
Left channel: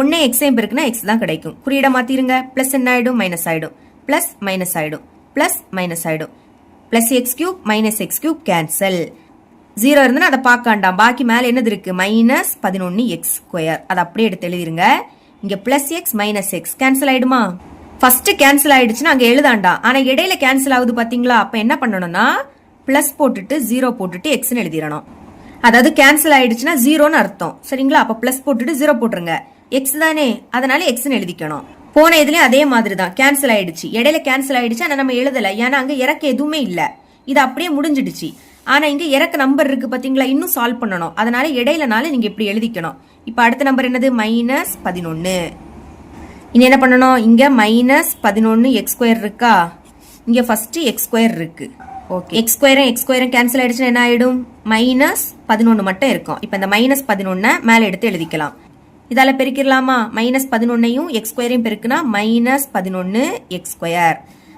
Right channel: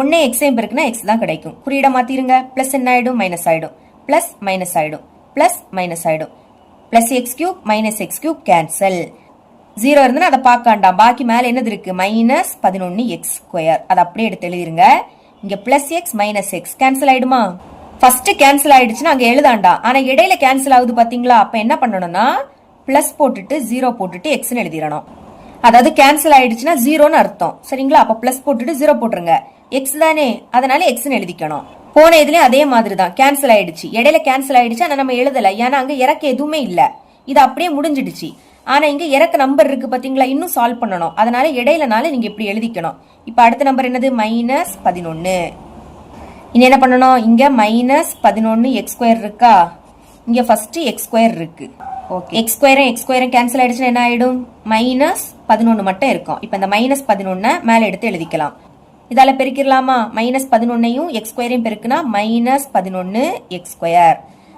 1 எக்ஸையும் பெருக்குனா எக்ஸ் தான் கிடைக்கும். குறியீட மாத்திருங்க. பிளஸ் என்ன ஆயிடும், மைனஸ் ஆயிடும். பிளஸ் மைனஸ் ஆயிடும், பிளஸ் மைனஸ் ஆயிடும். Plus X cube minus X cube cancel. 0 இருந்துன்னா அதை பார்க்காண்டாம். பாக்கி மேல என்னது இருக்கு, மைனஸ் 11 எக்ஸ் ஸ்கொயர், அதை அப்படியே எடுத்து எழுதிருங்க. இங்க plus X minus X cancel ஆயிடுமா, ஃபர்ஸ்ட் கேன்சல் ஆயிடுச்சுன்னா அங்க எழுதாண்டா. ஆனா இடையில கேன்சல் ஆகுது பாத்தீங்களா, அப்ப என்ன பண்ணணும்னா பிளஸ் போட்டுட்டு 0 போட்டுட்டு எக்ஸ்னு எழுதிடணும். அதாவது கேன்சல் ஆயிடுச்சுன்னா 0ன்னு அர்த்தம், சரிங்களா. அப்ப பிளஸ் போட்டுட்டு 0 போட்டுருங்க, எக்ஸ் தானே, அதனால எக்ஸ்னு எழுதிக்கணும். போன இதுலயும் அதே மாதிரி தான், கேன்சல் ஆயிடுச்சு, இடையில கேன்சல் ஆயிடுச்சு. ஆனா நம்ம எழுதல, ஏன்னா அங்க இறக்க எதுவுமே இல்ல, இது அப்படியே முடிஞ்சிடுச்சு. ஆனா இங்க இறக்க நம்பர் இருக்கு பாத்தீங்களா, இன்னும் சால்வ் பண்ணணும். அதனால இடையிலனால நீங்க இப்படி எழுதிக்கணும். இப்ப அடுத்த நம்பர் என்னது, மைனஸ் 11. இனி என்ன பண்ணணும், இங்க மைனஸ் 11 எக்ஸ் ஸ்கொயர் இருக்கா, இங்க ஃபர்ஸ்ட் எக்ஸ் ஸ்கொயர் இருக்கு. ஓகே, எக்ஸ் ஸ்கொயரும் கேன்சல் ஆயிடுச்சுன்னா என்ன ஆயிடும், மைனஸ் 11 மட்டும் இருக்கும். இப்ப இந்த மைனஸ் 11 மேல எடுத்து எழுதிக்கலாம். இதால பெருக்கிடலாமா, மைனஸ் 11ஐயும் எக்ஸ் ஸ்கொயரையும் பெருக்குனா மைனஸ் 11 எக்ஸ் ஸ்கொயர்.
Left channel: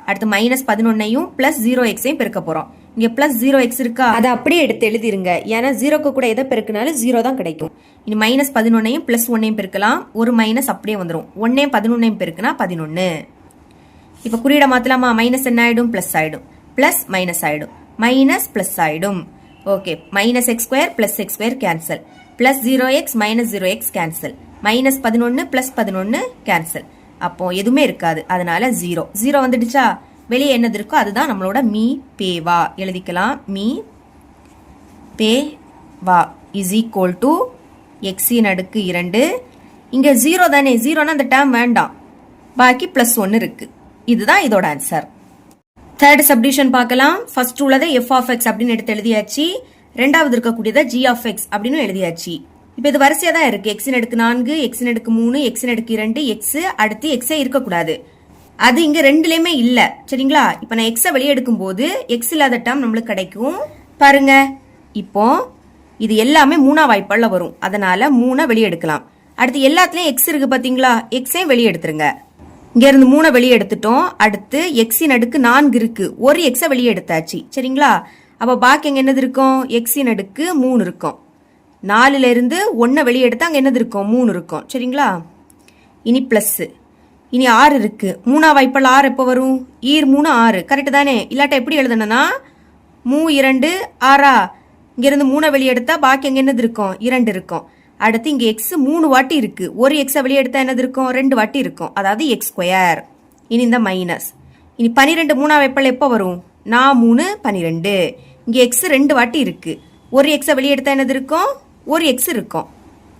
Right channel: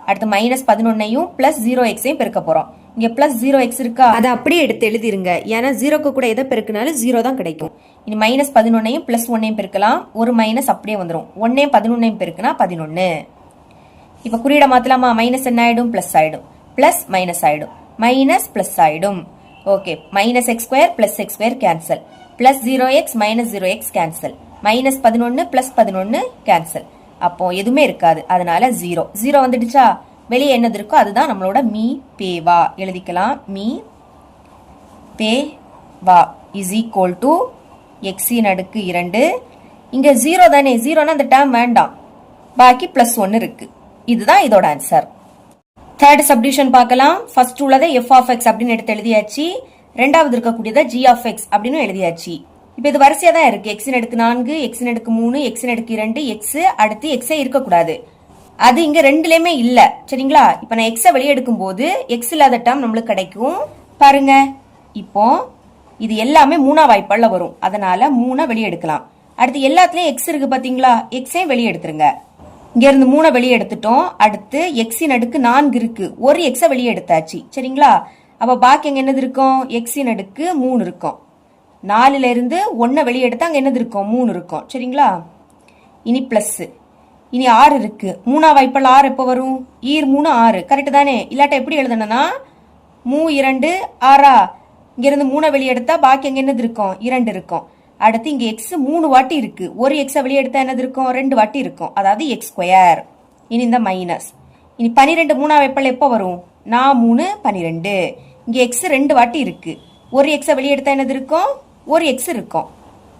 அடுத்து மைனஸ் 11ஐயும் பிளஸ் 0xஐயும் பெருக்க போறோம். இங்க பிளஸ் 0x இருக்கா, அதை அப்படியே எடுத்து எழுதிருங்க. ஏன்னா 0க்கு கூட எதை பெருக்கினாலும் 0 தான் கிடைக்கும். இனி மைனஸ் 11ஐயும் பிளஸ் 1ஐயும் பெருக்கலாம். ஒரு மைனஸ் அப்படியே வந்துடும். 1ஐயும் 11ஐயும் பெருக்குனா 11. இப்ப குறியீட மாத்தலாமா, மைனஸ் என்ன ஆயிடும், பிளஸ் ஆயிடும். பிளஸ் மைனஸ் ஆயிடும், மைனஸ் பிளஸ் ஆயிடும். Okay, minus X square plus X square cancel. Plus 0x minus 0x cancel. Minus 11 plus 11 cancel. அப்போ எதுவுமே இருக்காது, அதனால 0 வந்துடுச்சா. வெளியே என்னது இருக்கோ அதுதான் நம்மளோட மீ பேவா, எழுதிக்கலாம். மீ பேவா இஸ் ஈக்குவல் டு எக்ஸின் அடுக்கு 2. இங்க 0 தானே, 0னா அந்த டேர்ம் வேண்டாம், பாக்கி பிளஸ் 1 இருக்கு. இதுதான் இதோட ஆன்சர். தேர்ட் சப்டிவிஷன் பார்க்கலாம். ஃபர்ஸ்ட் உள்ளதை எஃப் ஆஃப் எக்ஸ் அப்படின்னு எடுத்து எழுதியாச்சு. ரெண்டாவது இருக்கக்கூடியதை ஜி ஆஃப் எக்ஸ் அப்படின்னு எழுதியாச்சு. இப்ப இது வரிசையா தான் இருக்கு. எக்ஸின் அடுக்கு 4, எக்ஸின் அடுக்கு 3, எக்ஸின் அடுக்கு 2, எக்ஸ், அடுத்து எக்ஸே இருக்கக்கூடாது. அது இங்க ரெண்டுலயுமே இல்ல, சரிங்களா. இப்ப நான் எக்ஸ வெளியே எடுக்கும் போது எக்ஸ் இல்லாத டேர்ம் நம்மளுக்கு கிடைக்கும். பாருங்க, இப்போ இது எல்லாமே 3ஆ வாய்ப்பால வரும், அதனால 3 வெளியே எடுக்கலாம். அடுத்து எல்லாத்துலயும் எக்ஸ் இருக்கு பாத்தீங்களா, எக்ஸையும் வெளியே எடுத்துருங்க. இங்க இருந்து 3 வெளியே எடுத்துட்டோம். அடுத்து எக்ஸின் அடுக்கு 4 இருக்கு, ஒரு எக்ஸ வெளியே எடுத்தாச்சு, சரிங்களா. அப்ப பாக்கி எங்க என்னது இருக்கும், எக்ஸின் அடுக்கு 3 இருக்கும். 4ல இருந்து 1 வெளியே எடுத்தா அங்க என்னது இருக்கும், 3 இருக்கும், சரிங்களா. இனி பிளஸ், இனி 6 இருக்கு. 3ஆ வாய்ப்பால் 6 எப்ப வரும், ஈர் 3 6, கரெக்ட் தானே. இல்லாட்ட எப்படி எழுதணும்னா 2 6, இங்க இருந்து 3 வெளியே எடுத்தா பாக்கி எங்க என்னது இருக்கும், 2 இருக்கும். அடுத்து இங்க எக்ஸ் 3 வாட்டி இருக்கு, ஒரு எக்ஸ வெளியே எடுத்தா என்னது இருக்கும், 2 வாட்டி இருக்கும், அதாவது எக்ஸ் ஸ்கொயர். இனி இந்த மைனஸ். இனி 12 3ஆ வாய்ப்பால் எப்ப வரும், 3 12. இங்க எக்ஸ் 2 வாட்டி இருக்கு, ஒரு எக்ஸ வெளியே எடுத்தா என்னது இருக்கும், ஒரு எக்ஸ் இருக்கும்.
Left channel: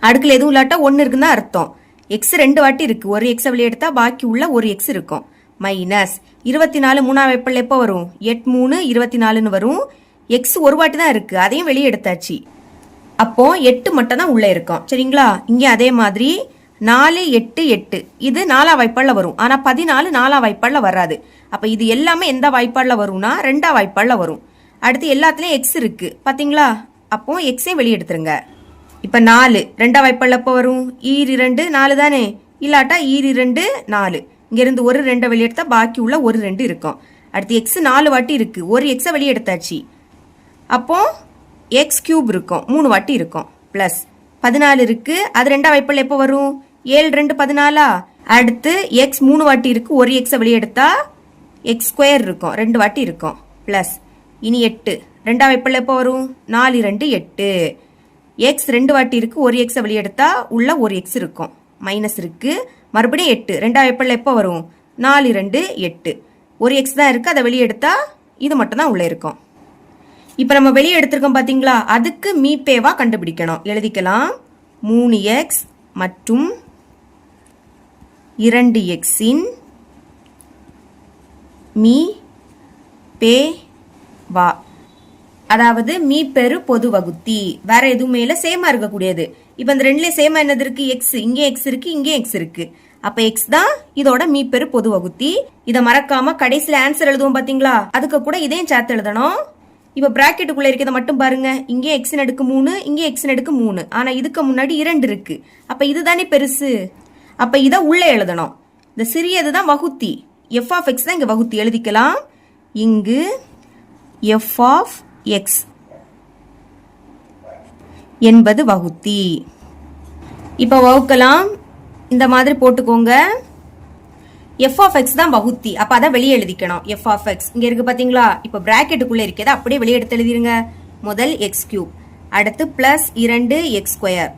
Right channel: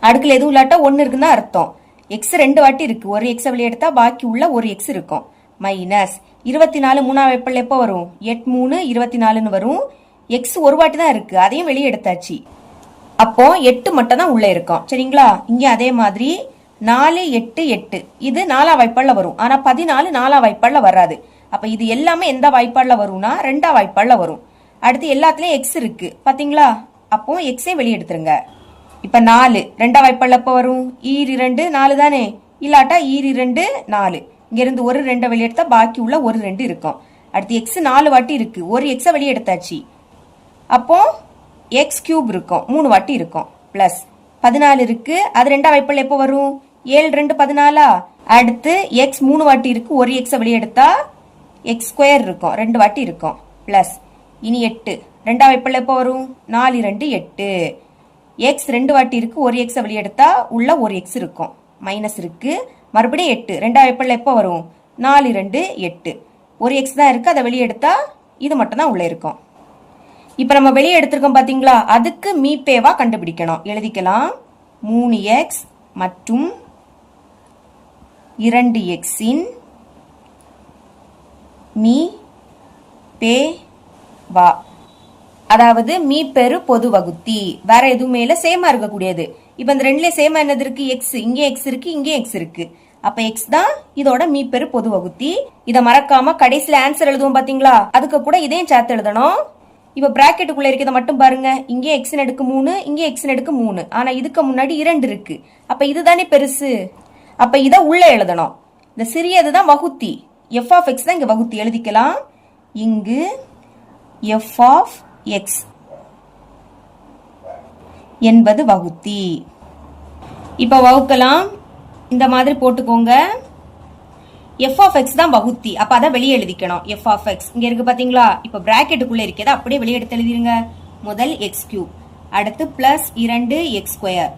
அடுக்குல எதுவும் இல்லாட்டா 1 இருக்குன்னு அர்த்தம். எக்ஸ் 2 வாட்டி இருக்கு, ஒரு எக்ஸ வெளியே எடுத்தா பாக்கி உள்ள ஒரு எக்ஸ் இருக்கும். மைனஸ் 24 3ஆ வாய்ப்பால் எப்ப வரும், 8 3 24ன்னு வரும். எக்ஸ் ஒரு வாட்டி தான் இருக்கு, அதையும் வெளியே எடுத்தாச்சு. அப்போ 8 மட்டும் தான் உள்ள இருக்கும். சரிங்களா? இங்க அதே மாதிரி 4 8 8 இது 4ஆம் வாய்ப்பாடுல வரும். ஆனா 14 4ஆம் வாய்ப்பாடுல வராது. அப்ப இது எல்லாமே எந்த வாய்ப்பாடுல வரும்னா 2ஆம் வாய்ப்பாடுல வரும். அடுத்து எல்லாத்துலயும் எக்ஸ் இருக்கு பாத்தீங்களா? அப்போ எக்ஸையும் வெளியே எடுத்துருங்க. இப்ப 4 2ஆம் வாய்ப்பாடுல எப்ப வரும்? ஈர் 2 4 தானே, இல்லாட்டா ஈர் 2 4. இங்க இருந்து ஒரு 2 வெளியே எடுத்தா பாக்கி உள்ள ஒரு 2 இருக்கும். அடுத்து எக்ஸ் 4 வாட்டி இருக்கு, ஒரு எக்ஸ வெளியே எடுத்தாச்சு. அப்போ எக்ஸ் கியூப் இருக்கும், 3 வாட்டி இருக்கும். பிளஸ் 14 இருக்கு, அது 2ஆம் வாய்ப்பாடுல எப்ப வரும்? 7 2 14. அடுத்து எக்ஸ் 3 வாட்டி இருக்கு, ஒரு எக்ஸ வெளியே எடுத்தா எக்ஸ் ஸ்கொயர் இருக்கும், 2 வாட்டி இருக்கும். பிளஸ் இனி 8 2ஆம் வாய்ப்பாடுல எப்ப வரும்? 4 2 8. எக்ஸ் 2 வாட்டி இருக்கு, ஒரு எக்ஸ வெளியே எடுத்தா உள்ள ஒரு எக்ஸ் இருக்கும், மைனஸ் இருக்கு. மறுபடியும் 8 2ஆம் வாய்ப்பாடுல எப்ப வரும்? 4 2 8. ஒரு எக்ஸ் தான் இருக்கு, அதை வெளியே எடுத்தா இது மட்டும் தான் உள்ள இருக்கும். இப்ப நம்ம வெளியே எடுத்திருக்கோம் பாத்தீங்களா? அதுக்கு மீபேவா கண்டுபிடிக்கணும். எழுதிக்கலாம். 3x மற்றும் 2x இன் மீ பே வா, அதாவது மீ பெரு பொது வகுத்தி. வேற எதுவுமே இல்ல, சேமா இருக்கக்கூடியது. இப்ப இந்த ரெண்டுல சேமா என்னது இருக்கு? எக்ஸ். இங்கே எக்ஸ் இருக்கு, இங்கே எக்ஸ் இருக்கு. அப்ப எக்ஸ் தான் இதோட மீ பெரு பொது வகுத்தி. இத மறக்காம கடைசியில ஆன்சர் எழுதுவோம் பாத்தீங்களா? அதுக்கு கூட இதையும் சேர்த்து எழுதணும். இப்ப பிராக்கெட்டுக்குள்ள இருக்கிறத மட்டும் பாருங்க. இங்கே எக்ஸ் நடுக்கு 3, இங்கே எக்ஸ் நடுக்கு 3. ஆனா இதுக்கு முன்னாடி 2 இருக்கு. அப்ப இதுதானே பெருசு. அப்ப இத உள்ள எழுதணும். இந்த சிறியதுதான் வகுத்தி. எஃப் ஆஃப் எக்ஸ் தான் இங்க வகுத்தி. எழுதிக்கலாம். இங்கு எஃப் ஆஃப் எக்ஸ் என்பது வகுத்தி. இப்ப வகுக்கலாம். இந்த மாதிரி போட்டுக்கோங்க. எஃப் ஆஃப் எக்ஸ் தான் வகுத்தி. அப்ப அதை வெளியே எழுதிக்கணும். எஃப் ஆஃப் எக்ஸ் இங்க இருக்கு பாத்தீங்களா? இப்ப பிராக்கெட்டுக்குள்ள இருக்கிறத அப்படியே வெளியே எடுத்து எழுதிருங்க. முதல் எக்ஸ் கியூப், அடுத்து பிளஸ் 2 எக்ஸ் ஸ்கொயர்,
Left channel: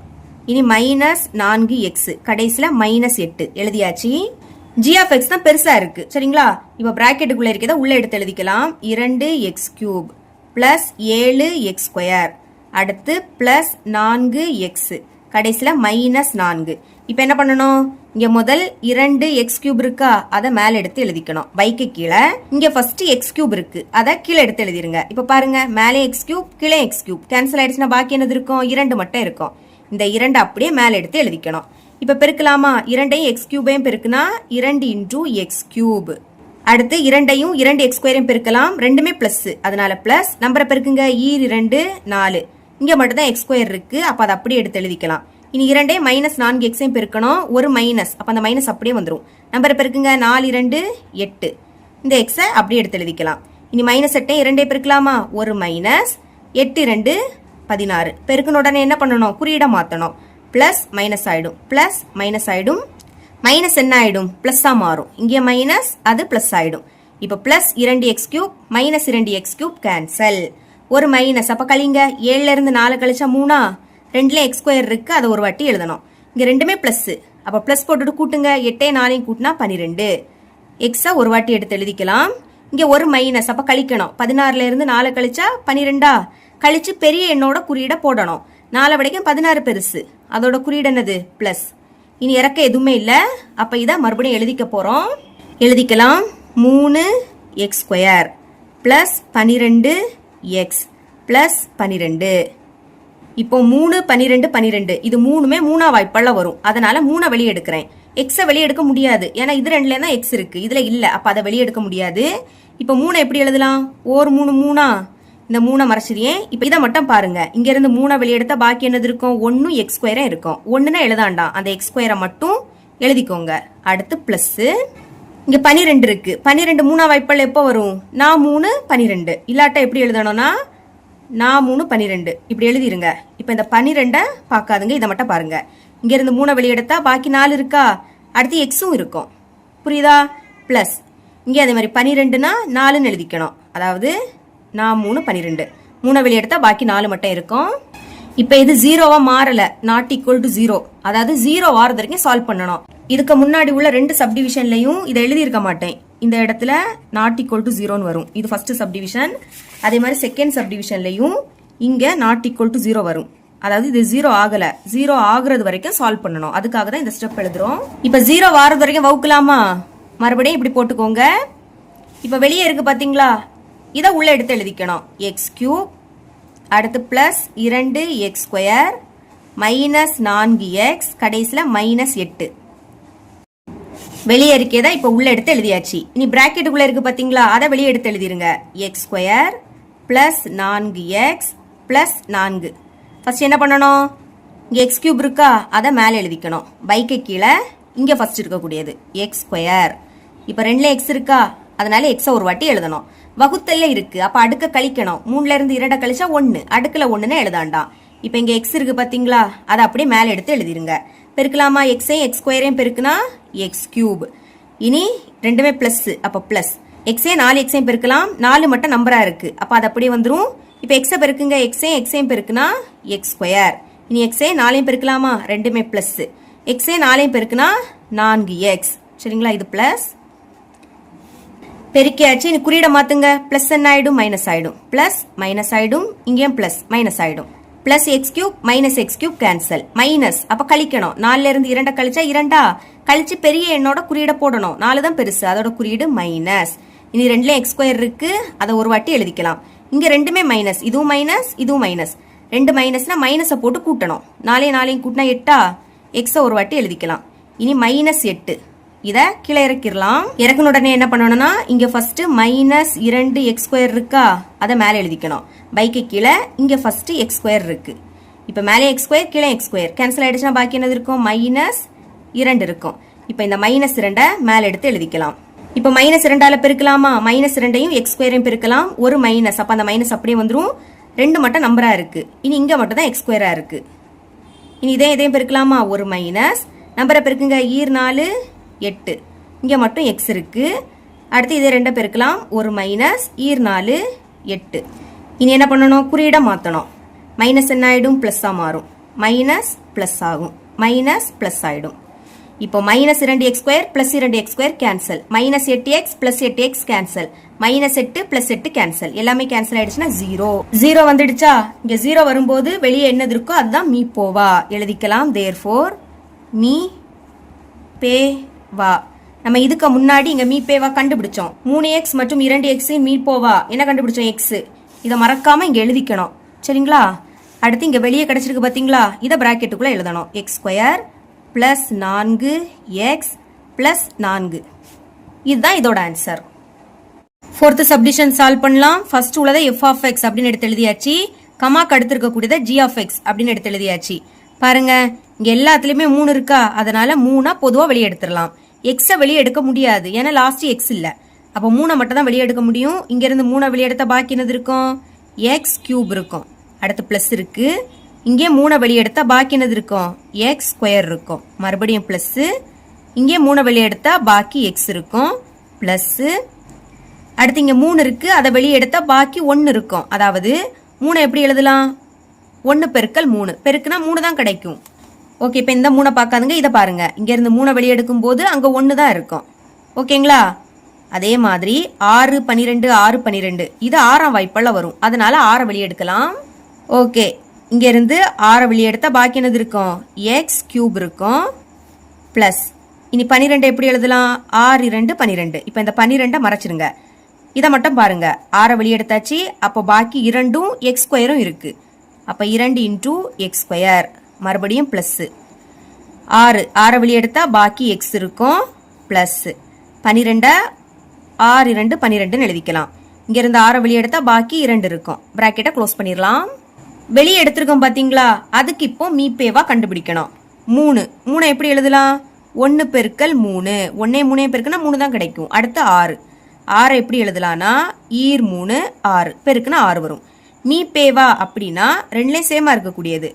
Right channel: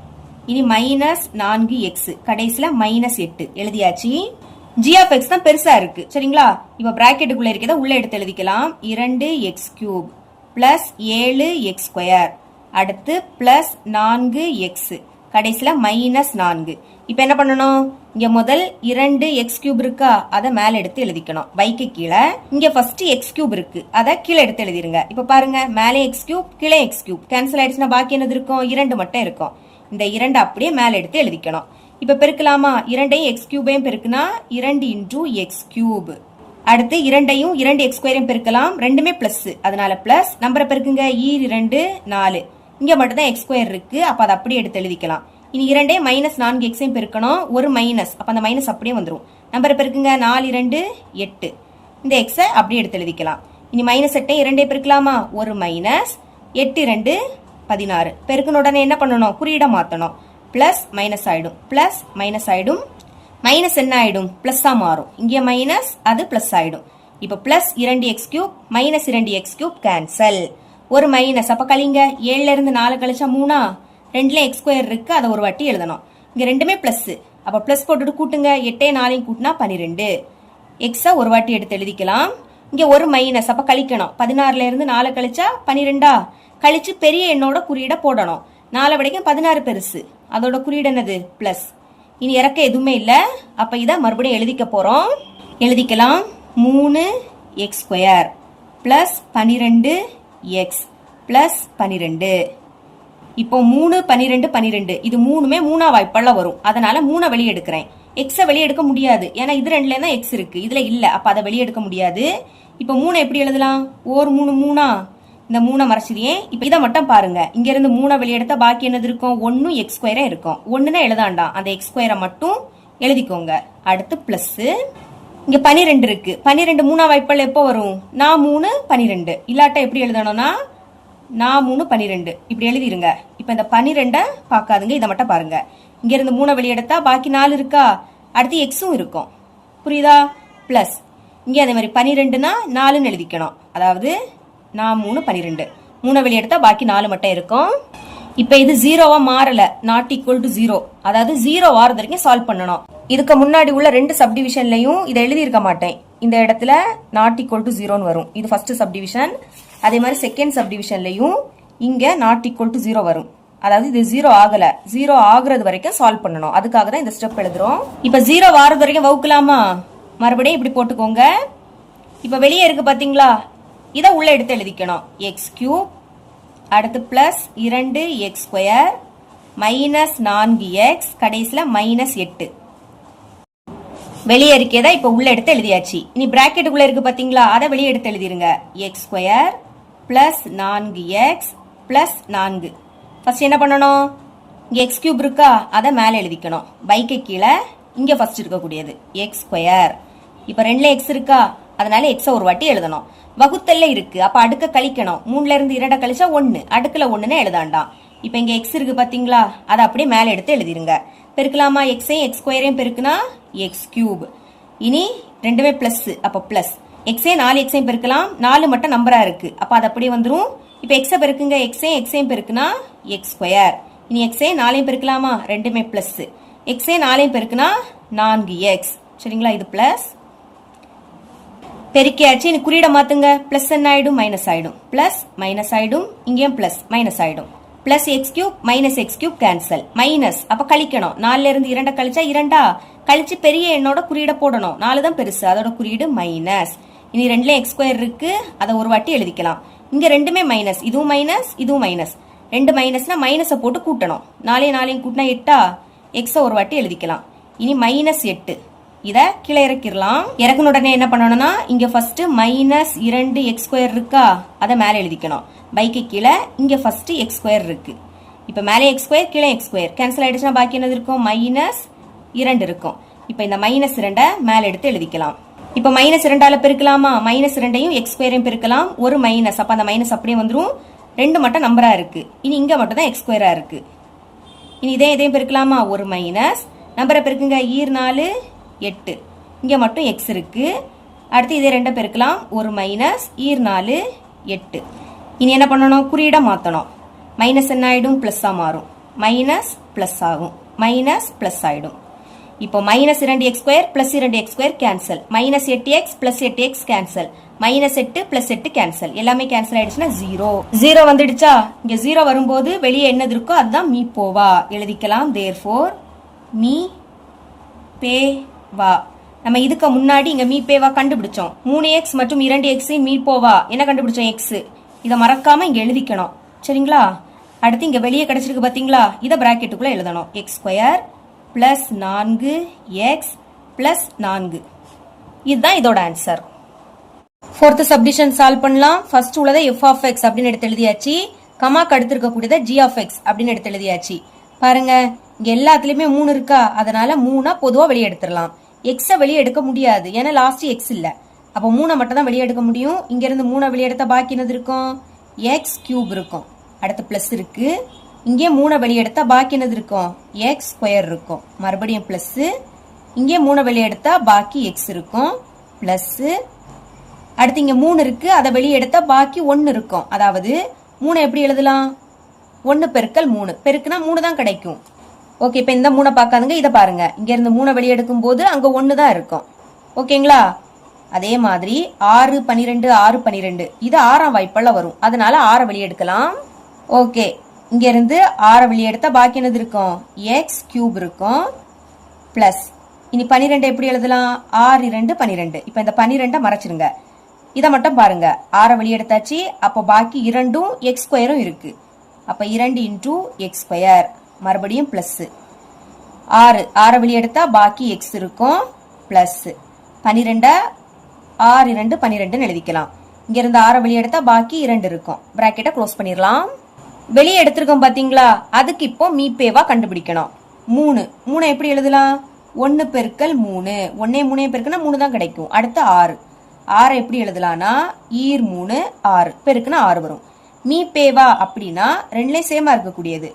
இனி மைனஸ் 4 எக்ஸ், கடைசியில மைனஸ் 8 எழுதியாச்சு. ஜி ஆஃப் எக்ஸ் தான் பெருசா இருக்கு. சரிங்களா? இப்ப பிராக்கெட்டுக்குள்ள இருக்கிறத உள்ள எடுத்து எழுதிக்கலாம். 2 X cube plus 7 X square, அடுத்து பிளஸ் 4 எக்ஸ், கடைசியில மைனஸ் 4. இப்ப என்ன பண்ணணும்? இங்க முதல் 2 எக்ஸ் கியூப் இருக்கா, அதை மேல எடுத்து எழுதிக்கணும். வைக்கு கீழே இங்க ஃபர்ஸ்ட் எக்ஸ் கியூப் இருக்கு, அதை கீழே எடுத்து எழுதிருங்க. இப்ப பாருங்க, மேலே எக்ஸ் கியூப், கீழே எக்ஸ் கியூப் கேன்சல் ஆயிடுச்சுன்னா பாக்கி என்னது இருக்கும்? 2 மட்டும் இருக்கும். இந்த 2 அப்படியே மேல எடுத்து எழுதிக்கணும். இப்ப பெருக்கலாமா? 2ஐயும் எக்ஸ் கியூபையும் பெருக்குனா 2 இன்டூ எக்ஸ் கியூப். அடுத்து 2ஐயும் 2 எக்ஸ் ஸ்கொயரையும் பெருக்கலாம். ரெண்டுமே பிளஸ், அதனால பிளஸ். நம்பரை பெருக்குங்க. 2 4. இங்க மட்டும் தான் எக்ஸ் ஸ்கொயர் இருக்கு, அப்ப அதை அப்படியே எடுத்து எழுதிக்கலாம். இனி 2 மைனஸ் 4 எக்ஸையும் பெருக்கணும். ஒரு மைனஸ், அப்ப அந்த மைனஸ் அப்படியே வந்துடும். நம்பரை பெருக்குங்க. 4 2 8. இந்த எக்ஸை அப்படியே எடுத்து எழுதிக்கலாம். இனி மைனஸ் 8 2 பெருக்கலாமா? ஒரு மைனஸ் 8 2 16. பெருக்கின உடனே என்ன பண்ணணும்? குறியிட மாத்தணும். பிளஸ் மைனஸ் ஆயிடும், பிளஸ் மைனஸ் ஆயிடும். மைனஸ் என்ன ஆயிடும்? பிளஸ் ஆ மாறும். இங்கே மைனஸ், அது பிளஸ் ஆயிடும். இப்ப plus 2 X cube minus 2 X cube cancel. ஒரு மைனஸ், அப்ப கழிங்க. 7ல இருந்து 4 கழிச்சா 3. 2ல எக்ஸ் ஸ்கொயர் இருக்கு, அதை ஒரு வாட்டி எழுதணும். இங்க ரெண்டுமே பிளஸ், அப்ப பிளஸ் போட்டுட்டு கூட்டுங்க. 8 4 கூட்டினா 12. எக்ஸ ஒரு வாட்டி எடுத்து எழுதிக்கலாம். இங்க ஒரு மைனஸ், அப்ப கழிக்கணும். 16ல இருந்து 4 கழிச்சா 12. கழிச்சு பெரிய எண்ணோட குறியீட போடணும். 4 வரைக்கும் 16 பெருசு, அதோட குறியீடு என்னது? பிளஸ். இனி இறக்க எதுவுமே இல்ல, அப்ப இத மறுபடியும் எழுதிக்க போறோம். எழுதிக்கலாம். 3 X square plus 12 X plus 12. இப்போ 3 12 12 இது மூணுமே 3ஆம் வாய்ப்பாடுல வரும். அதனால 3 வெளியே எடுக்கிறேன். எக்ஸ வெளியே எடுக்க முடியாது, ஏன்னா இது 2ல தான் எக்ஸ் இருக்கு, இதுல இல்ல. அப்ப அதை வெளியே எடுக்க முடியாது. இப்ப 3 எப்படி எழுதலாம்? ஒரு 3 3. இந்த 3 மறைச்சிரியே. இப்ப இதை மட்டும் பாருங்க. இங்க இருந்து 3 வெளியே எடுத்தா பாக்கி என்னது இருக்கும்? 1 எக்ஸ் ஸ்கொயரா இருக்கும். 1னா எழுதாண்டாம், அந்த எக்ஸ் ஸ்கொயரை மட்டும் எழுதிக்கோங்க. அடுத்து பிளஸ் இங்க 12 இருக்கு. 12 3ஆம் வாய்ப்பாடுல எப்ப வரும்? 3 12. இல்லாட்டா எப்படி எழுதணும்னா 3 12 இப்படி எழுதிருங்க. இப்ப இந்த 12 பாக்காதுங்க, இதை மட்டும் பாருங்க. இங்க இருந்து 3 வெளியே எடுத்தா பாக்கி 4 இருக்கா, அடுத்து எக்ஸும் இருக்கும். புரியுதா? பிளஸ் இங்க அதே மாதிரி 12னா 4ன்னு எழுதிக்கணும். அதாவது 3 12. 3 வெளியே எடுத்தா பாக்கி 4 மட்டும் இருக்கும். இப்ப இது 0வா மாறல, நாட் ஈக்குவல் டு 0. அதாவது 0 வாரது வரைக்கும் சால்வ் பண்ணணும். இதுக்கு முன்னாடி உள்ள 2 சப்டிவிஷன்லயும் இதை எழுதி இருக்க மாட்டேன். இந்த இடத்துல நாட் ஈக்குவல் டு 0ன்னு வரும். இது ஃபர்ஸ்ட் சப்டிவிஷன். அதே மாதிரி செகண்ட் சப்டிவிஷன்லயும் இங்க நாட் ஈக்குவல் டு 0 வரும். அதாவது இது 0 ஆகல, 0 ஆகுறது வரைக்கும் சால்வ் பண்ணணும். அதுக்காக தான் இந்த ஸ்டெப் எழுதுறோம். இப்ப 0 வாரது வரைக்கும் வகுக்கலாமா? மறுபடியும் இப்படி போட்டுக்கோங்க. இப்ப வெளியே இருக்கு பாத்தீங்களா? இதை உள்ள எடுத்து எழுதிக்கணும். எக்ஸ் கியூப் அடுத்து பிளஸ் 2x² மைனஸ் 4x கடைசியில் மைனஸ் 8. வெளியே இருக்கேதா இப்ப உள்ள எடுத்து எழுதியாச்சு. இனி பிராக்கெட்டுக்குள்ள இருக்கு பாத்தீங்களா, அதை வெளியே எடுத்து எழுதிருங்க. x² plus 4x plus 4. First என்ன பண்ணணும், இங்க எக்ஸ் கியூப் இருக்கா, அதை மேலே எழுதிக்கணும். பைக்கு கீழே இங்க ஃபர்ஸ்ட் இருக்கக்கூடியது x². இப்ப 2ல x இருக்கா, அதனால x ஒரு வாட்டி எழுதணும். வகுத்தல்ல இருக்கு, அப்ப அடுக்க கழிக்கணும். 3ல இருந்து 2 கழிச்சா 1, அடுக்குல 1ன்னு எழுதாண்டாம். இப்ப இங்க x இருக்கு பாத்தீங்களா, அதை அப்படியே மேல எடுத்து எழுதிருங்க. பெருக்கலாமா, எக்ஸையும் x² பெருக்குனா எக்ஸ் கியூப். இனி ரெண்டுமே பிளஸ், அப்ப பிளஸ் எக்ஸே 4x பெருக்கலாம், 4 மட்டும் நம்பரா இருக்கு, அப்ப அது அப்படியே வந்துரும். இப்ப எக்ஸ பெருக்குங்க, எக்ஸையும் பெருக்குனா x². இனி எக்ஸே 4 பெருக்கலாமா, ரெண்டுமே பிளஸ். எக்ஸே 4 பெருக்குனா 4x. சரிங்களா, இது பிளஸ் பெருக்கியாச்சு. இனி குறியீட மாத்துங்க. பிளஸ் என்ன ஆயிடும், மைனஸ் ஆயிடும். பிளஸ் மைனஸ் ஆயிடும், இங்கேயும் பிளஸ் மைனஸ் ஆயிடும். Plus X cube minus X cube cancel. Minus அப்ப கழிக்கணும். 4ல இருந்து 2 கழிச்சா 2, கழிச்சு பெரிய எண்ணோட குறியீட போடணும். 4 தான் பெருசு, அதோட குறியீடு மைனஸ். இனி 2ல x² இருக்கு, அதை ஒரு வாட்டி எழுதிக்கலாம். இங்க ரெண்டுமே மைனஸ், இதுவும் மைனஸ் இதுவும் மைனஸ். 2 மைனஸ்னா மைனஸை போட்டு கூட்டணும். 4 கூட்டினா 8, எக்ஸ ஒரு வாட்டி எழுதிக்கலாம். இனி மைனஸ் 8, இத கீழே இறக்கிடலாம். இறக்குன உடனே என்ன பண்ணணும்னா, இங்க ஃபர்ஸ்ட் மைனஸ் 2x² இருக்கா, அதை மேலே எழுதிக்கணும். பைக்கு கீழே இங்க ஃபர்ஸ்ட் x² இருக்கு. இப்ப மேலே x² கீழே x² கேன்சல் ஆயிடுச்சுன்னா பாக்கி என்னது இருக்கும், மைனஸ் 2 இருக்கும். இப்ப இந்த மைனஸ் 2 மேல எடுத்து எழுதிக்கலாம். இப்ப மைனஸ் 2ஆல பெருக்கலாமா, மைனஸ் 2ஐயும் x² பெருக்கலாம். ஒரு மைனஸ், அப்ப அந்த மைனஸ் அப்படியே வந்துரும். 2 மட்டும் நம்பரா இருக்கு, இனி இங்க மட்டும் தான் x² இருக்கு. இனி இதையும் பெருக்கலாமா, ஒரு மைனஸ் நம்பரை பெருக்குங்க. 4 8, இங்க மட்டும் x இருக்கு. அடுத்து இதே 2 பெருக்கலாம், ஒரு மைனஸ் 4 8. இனி என்ன பண்ணணும், குறியீட மாத்தணும். மைனஸ் என்ன ஆயிடும், பிளஸ்ஸா மாறும். மைனஸ் பிளஸ் ஆகும், மைனஸ் பிளஸ் ஆயிடும். இப்போ minus 2x² plus 2x² cancel. Minus 8x plus 8x cancel. Minus 8 plus 8 cancel. எல்லாமே கேன்சல் ஆயிடுச்சுன்னா 0 வந்துடுச்சா. இங்க 0 வரும்போது வெளியே என்னது இருக்கோ அதுதான் மீ போவா எழுதிக்கலாம். தேர்ஃபோர் மீ பே வா. நம்ம இதுக்கு முன்னாடி இங்க மீ பேவா கண்டுபிடிச்சோம். 3x மற்றும் 2x மீ போவா என்ன கண்டுபிடிச்சோம், x. இதை மறக்காம இங்க எழுதிக்கணும். சரிங்களா, அடுத்து இங்க வெளியே கிடைச்சிருக்கு பாத்தீங்களா, இதை பிராக்கெட்டுக்குள்ள எழுதணும். x² plus 4x plus 4. இதுதான் இதோட ஆன்சர். ஃபோர்த் சப்டிஷன் சால்வ் பண்ணலாம். ஃபர்ஸ்ட் உள்ளதை f of x அப்படின்னு எடுத்து எழுதியாச்சு. கமாக்கு அடுத்து இருக்கக்கூடியதை g of x அப்படின்னு எடுத்து எழுதியாச்சு. பாருங்க, இங்க எல்லாத்துலயுமே 3 இருக்கா, அதனால 3 பொதுவா வெளியே எடுத்துடலாம். எக்ஸ வெளியே எடுக்க முடியாது, ஏன்னா லாஸ்ட் எக்ஸ் இல்ல. அப்போ 3 மட்டும் தான் வெளியே எடுக்க முடியும். இங்க இருந்து 3 வெளியே எடுத்தா பாக்கி என்னது இருக்கும், x³ இருக்கும். அடுத்து பிளஸ் இருக்கு. இங்கே 3 வெளியே எடுத்தா பாக்கி என்னது இருக்கும், x² இருக்கும். மறுபடியும் பிளஸ். இங்கே 3 வெளியே எடுத்தா பாக்கி x இருக்கும், பிளஸ். அடுத்து இங்க 3 இருக்கு, அதை வெளியே எடுத்தா பாக்கி 1 இருக்கும். அதாவது 3 எப்படி எழுதலாம், 1 பெருக்கல் 3 பெருக்குனா 3 தான் கிடைக்கும். ஓகே, இப்ப இந்த 3 பார்க்காதுங்க, இதை பாருங்க. இங்க இருந்து 3 வெளியே எடுக்கும் போது அங்க 1 தான் இருக்கும். ஓகேங்களா, அதே மாதிரி 6 12 6 12 இது 6ஆம் வாய்ப்பால வரும், அதனால 6 வெளியே எடுக்கலாம். ஓகே, இங்க இருந்து 6 வெளியே எடுத்தா பாக்கி என்னது இருக்கும், x³ இருக்கும், பிளஸ். இனி 12 எப்படி எழுதலாம், 6 2 12. இப்ப இந்த 12 மறைச்சிருங்க. இதை மட்டும் பாருங்க, 6 வெளியே எடுத்தாச்சு. அப்போ பாக்கி 2ம் x² இருக்கு. அப்ப 2 இன்டூ x², மறுபடியும் பிளஸ். 6 வெளியே எடுத்தா பாக்கி x இருக்கும், பிளஸ். 12 6 2 12 எழுதிக்கலாம். இங்க இருந்து 6 வெளியே எடுத்தா பாக்கி 2 இருக்கும். பிராக்கெட்டை க்ளோஸ் பண்ணிடலாம். வெளியே எடுத்திருக்கோம் பாத்தீங்களா, அதுக்கு இப்போ மீப்பேவா கண்டுபிடிக்கணும். 3 எப்படி எழுதலாம், 1 பெருக்கல் 3. 1 3 பெருக்குனா 3 தான் கிடைக்கும். அடுத்து 6 எப்படி எழுதலாம்னா, 3 6 பெருக்குனா 6 வரும். மீப்பேவா அப்படின்னா ரெண்டுலயும் சேமா இருக்கக்கூடியது.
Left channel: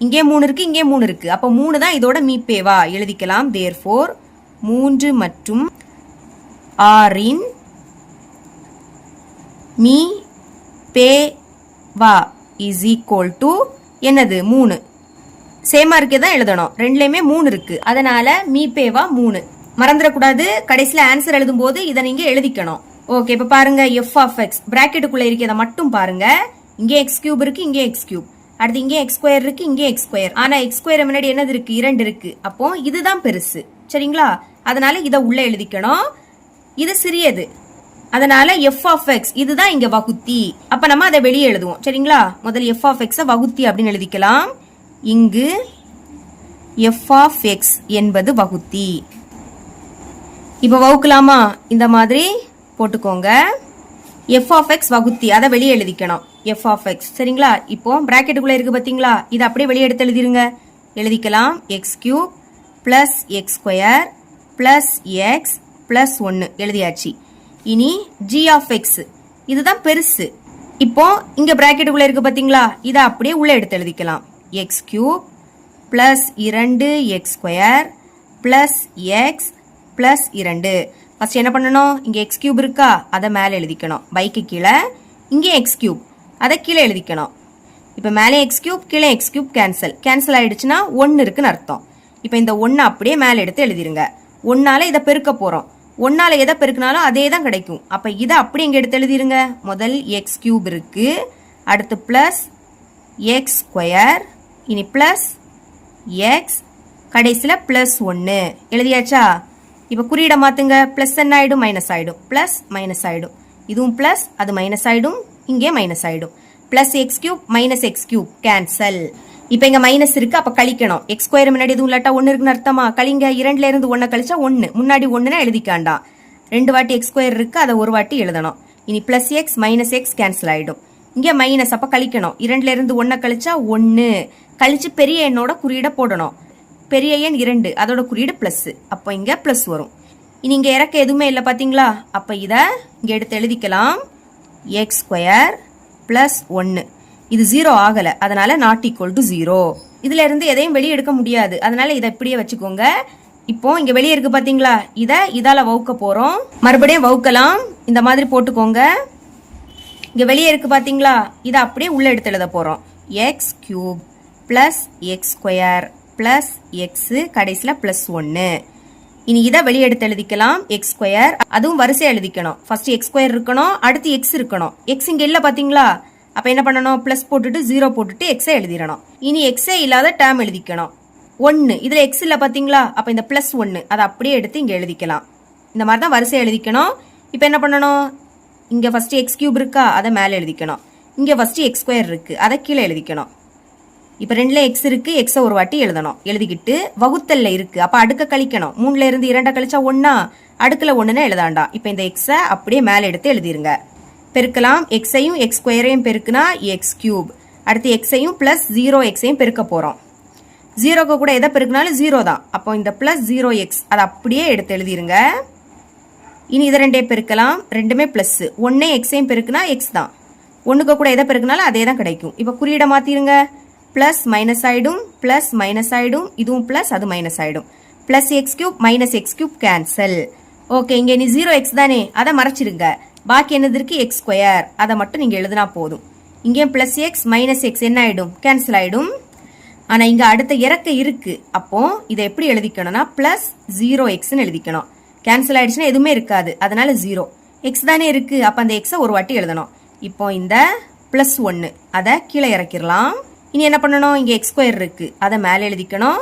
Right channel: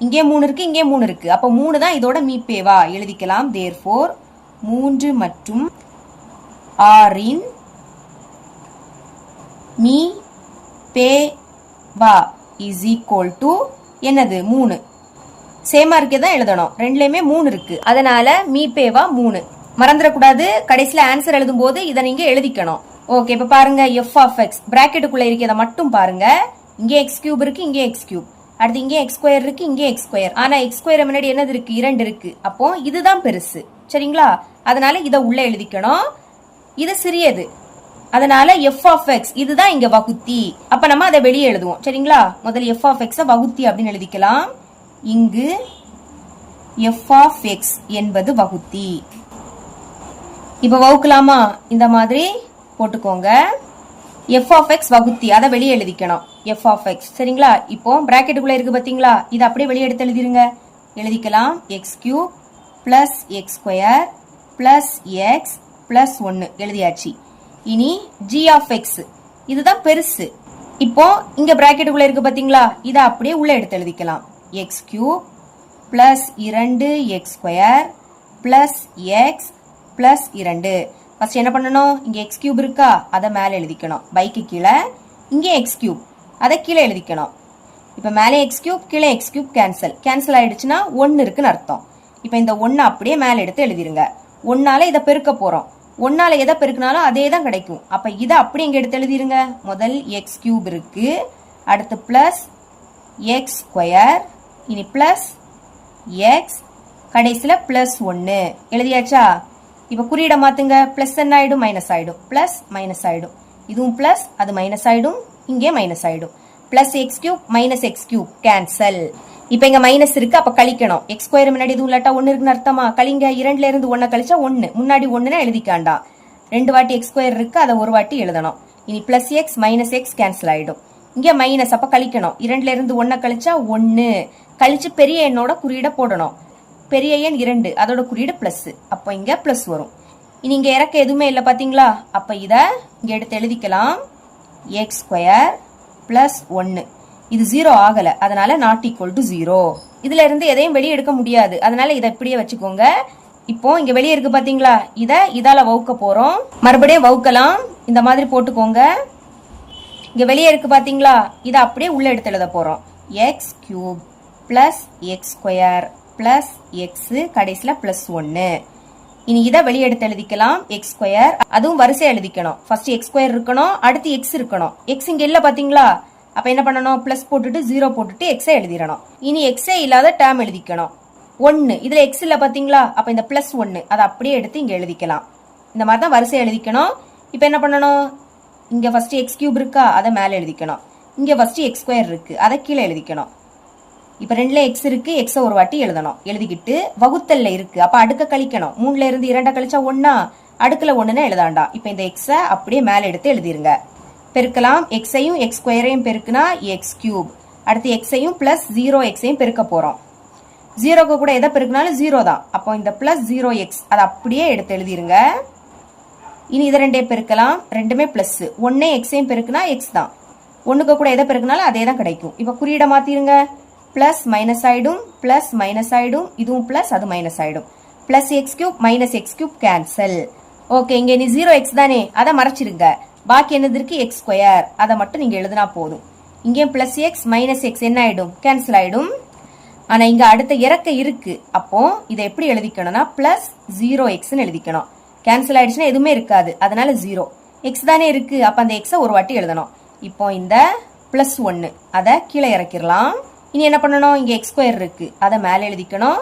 இங்கே 3 இருக்கு, இங்கே 3 இருக்கு. அப்போ 3 தான் இதோட மீப்பேவா எழுதிக்கலாம். தேர்ஃபோர் 3 மற்றும் 6 மீ பே வா இஸ் ஈக்குவல் டு என்னது, 3. சேமா இருக்கே தான் எழுதணும், ரெண்டுலயுமே 3 இருக்கு. அதனால மீ பேவா 3 மறந்துடக்கூடாது. கடைசியில ஆன்சர் எழுதும் போது இதை நீங்க எழுதிக்கணும். ஓகே, இப்ப பாருங்க, f of x பிராக்கெட்டுக்குள்ள இருக்கிறத மட்டும் பாருங்க. இங்கே x³ இருக்கு, இங்கே x³. அடுத்து இங்கே x² இருக்கு, இங்கே x². ஆனா x² முன்னாடி என்னது இருக்கு, 2 இருக்கு. அப்போ இதுதான் பெருசு. சரிங்களா, அதனால இதை உள்ள எழுதிக்கணும். இது சிறியது, அதனால f of x இதுதான் இங்க வகுத்தி. அப்ப நம்ம அதை வெளியே எழுதுவோம். சரிங்களா? முதல்ல f of x வகுத்தி அப்படின்னு எழுதிக்கலாம். இங்கு f of x என்பது வகுத்தி. இப்ப வகுக்கலாமா? இந்த மாதிரி போட்டுக்கோங்க. f of x வகுத்தி அதை வெளியே எழுதிக்கணும். f of x சரிங்களா? இப்போ பிராக்கெட்டுக்குள்ள இருக்கு பாத்தீங்களா? இதை அப்படியே வெளியே எடுத்து எழுதிருங்க. எழுதிக்கலாம் x cube plus x square plus x plus 1 எழுதியாச்சு. இனி g of x இதுதான் பெருசு. இப்போ இங்க பிராக்கெட்டுக்குள்ள இருக்கு பாத்தீங்களா? இதை அப்படியே உள்ள எடுத்து எழுதிக்கலாம். x cube plus 2x square plus x plus 2. First என்ன பண்ணணும்? இங்க x cube இருக்கா? அதை மேல எழுதிக்கணும். பைக்கு கீழே இங்க x cube அதை கீழே எழுதிக்கணும். இப்ப மேலே x cube கீழே x cube கேன்சல் ஆயிடுச்சுன்னா 1 இருக்குன்னு அர்த்தம். இப்ப இந்த 1 அப்படியே மேல எடுத்து எழுதிருங்க. 1ஆல இதை பெருக்க போறோம். 1ஆல எதை பெருக்கினாலும் அதே தான் கிடைக்கும். அப்ப இதை அப்படியே இங்க எடுத்து எழுதிருங்க. முதல் x cube இருக்கு, அடுத்து பிளஸ் x ஸ்கொயர், இனி பிளஸ் x, கடைசியில பிளஸ் 1 எழுதியாச்சா? இப்ப குறியிட மாத்துங்க. பிளஸ் என்ன ஆயிடும்? மைனஸ் ஆயிடும். பிளஸ் மைனஸ் ஆயிடும். இதுவும் பிளஸ், அது மைனஸ் ஆயிடும், இங்கே மைனஸ் ஆயிடும். Plus X cube minus X cube cancel. இப்ப இங்க மைனஸ் இருக்கு, அப்ப கழிக்கணும். எக்ஸ் ஸ்கொயர் முன்னாடி எதுவும் இல்லாட்டா 1 இருக்குன்னு அர்த்தமா? கழிங்க. 2ல இருந்து 1 கழிச்சா 1, முன்னாடி 1னா எழுதிக்காண்டா. 2 வாட்டி எக்ஸ் ஸ்கொயர் இருக்கு, அதை ஒரு வாட்டி எழுதணும். இனி plus X minus X cancel ஆயிடும். இங்க மைனஸ், அப்ப கழிக்கணும். 2ல இருந்து 1 கழிச்சா 1, கழிச்சு பெரிய எண்ணோட குறியீட போடணும். பெரிய எண் 2, அதோட குறியீடு பிளஸ், அப்ப இங்க பிளஸ் வரும். இனி இங்க இறக்க எதுவுமே இல்லை பாத்தீங்களா? அப்ப இத இங்க எடுத்து எழுதிக்கலாம். X square plus 1. இது 0 ஆகல, அதனால நாட் ஈக்குவல் டு 0. இதுல இருந்து எதையும் வெளியே எடுக்க முடியாது, அதனால இதை இப்படியே வச்சுக்கோங்க. இப்போ இங்க வெளியே இருக்கு பாத்தீங்களா? இதால வகுக்க போறோம். மறுபடியும் வகுக்கலாம். இந்த மாதிரி போட்டுக்கோங்க. இங்க வெளியே இருக்கு பாத்தீங்களா? இதை அப்படியே உள்ள எடுத்து எழுத போறோம். X cube plus X square plus X, கடைசியில பிளஸ் 1. இனி இதை வெளியே எடுத்து எழுதிக்கலாம். எக்ஸ் ஸ்கொயர், அதுவும் வரிசையா எழுதிக்கணும். ஃபர்ஸ்ட் எக்ஸ் ஸ்கொயர் இருக்கணும், அடுத்து எக்ஸ் இருக்கணும். எக்ஸ் இங்க இல்ல பாத்தீங்களா? அப்ப என்ன பண்ணணும்? பிளஸ் போட்டுட்டு 0 போட்டுட்டு எக்ஸை எழுதிடணும். இனி எக்ஸே இல்லாத டேர்ம் எழுதிக்கணும். 1, இதுல எக்ஸ் இல்ல பாத்தீங்களா? அப்ப இந்த பிளஸ் 1 அதை அப்படியே எடுத்து இங்க எழுதிக்கலாம். இந்த மாதிரி தான் வரிசையா எழுதிக்கணும். இப்ப என்ன பண்ணணும்? இங்க ஃபர்ஸ்ட் எக்ஸ் கியூப் இருக்கா? அதை மேல எழுதிக்கணும். இங்க ஃபர்ஸ்ட் எக்ஸ் ஸ்கொயர் இருக்கு, அதை கீழே எழுதிக்கணும். இப்ப 2ல எக்ஸ் இருக்கு, எக்ஸ ஒரு வாட்டி எழுதணும். எழுதிக்கிட்டு வகுத்தல்ல இருக்கு, அப்ப அடுக்க கழிக்கணும். 3ல இருந்து 2 கழிச்சா 1, அடுக்கல 1ன்னு எழுதாண்டா. இப்ப இந்த எக்ஸ அப்படியே மேல எடுத்து எழுதிருங்க. பெருக்கலாம். எக்ஸையும் எக்ஸ் ஸ்கொயரையும் பெருக்குனா எக்ஸ் கியூப், அடுத்து எக்ஸையும் பிளஸ் 0 எக்ஸையும் பெருக்க போறோம். 0க்கு கூட எதை பெருக்கினாலும் 0 தான். அப்போ இந்த பிளஸ் 0 எக்ஸ் அதை அப்படியே எடுத்து எழுதிருங்க. இனி இதை 2 பெருக்கலாம். ரெண்டுமே பிளஸ். 1 எக்ஸையும் பெருக்குனா எக்ஸ் தான். 1க்கு கூட எதை பெருக்கினாலும் அதே தான் கிடைக்கும். இப்ப குறியீட மாத்திருங்க. பிளஸ் மைனஸ் ஆயிடும், பிளஸ் மைனஸ் ஆயிடும், இதுவும் பிளஸ், அது மைனஸ் ஆயிடும். Plus X cube minus X cube cancel. Okay, இங்க நீ 0 எக்ஸ் தானே, அதை மறைச்சிருங்க. பாக்கி என்னது இருக்கு? எக்ஸ் ஸ்கொயர், அதை மட்டும் நீங்க எழுதினா போதும். இங்கே பிளஸ் எக்ஸ் மைனஸ் எக்ஸ் என்ன ஆயிடும்? கேன்சல் ஆயிடும். ஆனா இங்க அடுத்த இறக்க இருக்கு, அப்போ இதை எப்படி எழுதிக்கணும்னா பிளஸ் 0 எக்ஸ்ன்னு எழுதிக்கணும். கேன்சல் ஆயிடுச்சுன்னா எதுவுமே இருக்காது, அதனால 0 எக்ஸ் தானே இருக்கு, அப்ப அந்த எக்ஸை ஒரு வாட்டி எழுதணும். இப்போ இந்த பிளஸ் 1 அதை கீழே இறக்கிடலாம். இனி என்ன பண்ணணும்? இங்க எக்ஸ் ஸ்கொயர் இருக்கு, அதை மேல எழுதிக்கணும்.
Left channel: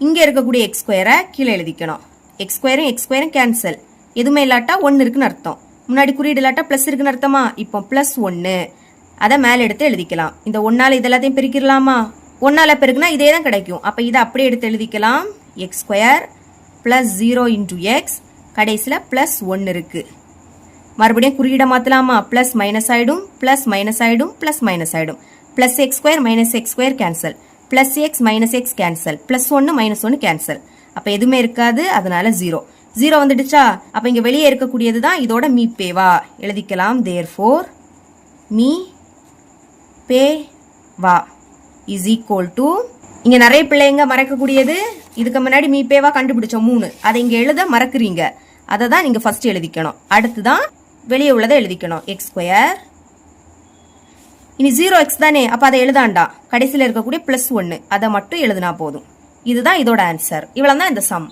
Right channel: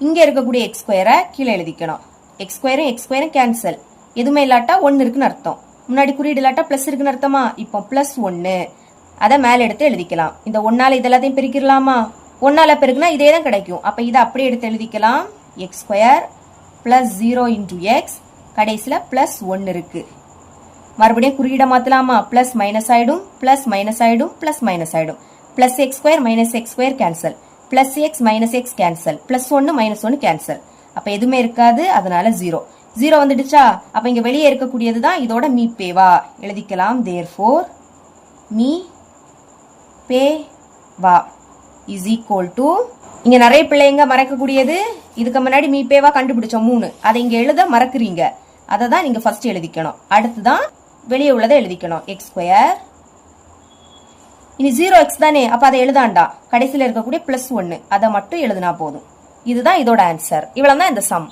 இங்க இருக்கக்கூடிய எக்ஸ் ஸ்கொயரை கீழே எழுதிக்கணும். எக்ஸ் ஸ்கொயரும் கேன்சல், எதுவுமே இல்லாட்டா 1 இருக்குன்னு அர்த்தம். முன்னாடி குறியீடு இல்லாட்டா பிளஸ் இருக்குன்னு அர்த்தமா? இப்போ பிளஸ் 1 அதை மேல எடுத்து எழுதிக்கலாம். இந்த 1ஆல இதெல்லாத்தையும் பெருக்கிடலாமா? 1ஆல பெருக்குனா இதே தான் கிடைக்கும். அப்ப இதை அப்படியே எடுத்து எழுதிக்கலாம். X square plus 0 into X, கடைசியில பிளஸ் 1 இருக்கு. மறுபடியும் குறியீட மாத்தலாமா? பிளஸ் மைனஸ் ஆயிடும், பிளஸ் மைனஸ் ஆயிடும், பிளஸ் மைனஸ் ஆயிடும். Plus X square minus X square cancel, plus X minus X cancel, plus 1 minus 1 cancel. அப்ப எதுவுமே இருக்காது, அதனால 0 வந்துடுச்சா? அப்ப இங்க வெளியே இருக்கக்கூடியதுதான் இதோட மீ பேவா எழுதிக்கலாம். தேர்ஃபோர் மீ பே வா இஸ் ஈக்குவல் டு, இங்க நிறைய பிள்ளைங்க மறக்கக்கூடியது, இதுக்கு முன்னாடி மீ பேவா கண்டுபிடிச்சோம் 3, அதை இங்க எழுத மறக்குறீங்க. அதை தான் நீங்க ஃபர்ஸ்ட் எழுதிக்கணும். அடுத்துதான் வெளியே உள்ளதை எழுதிக்கணும். எக்ஸ் ஸ்கொயர், இனி 0 எக்ஸ் தானே, அப்ப அதை எழுதாண்டா. கடைசியில் இருக்கக்கூடிய பிளஸ் 1 அதை மட்டும் எழுதினா போதும். இதுதான் இதோட ஆன்சர். இவ்வளவுதான் இந்த சம்.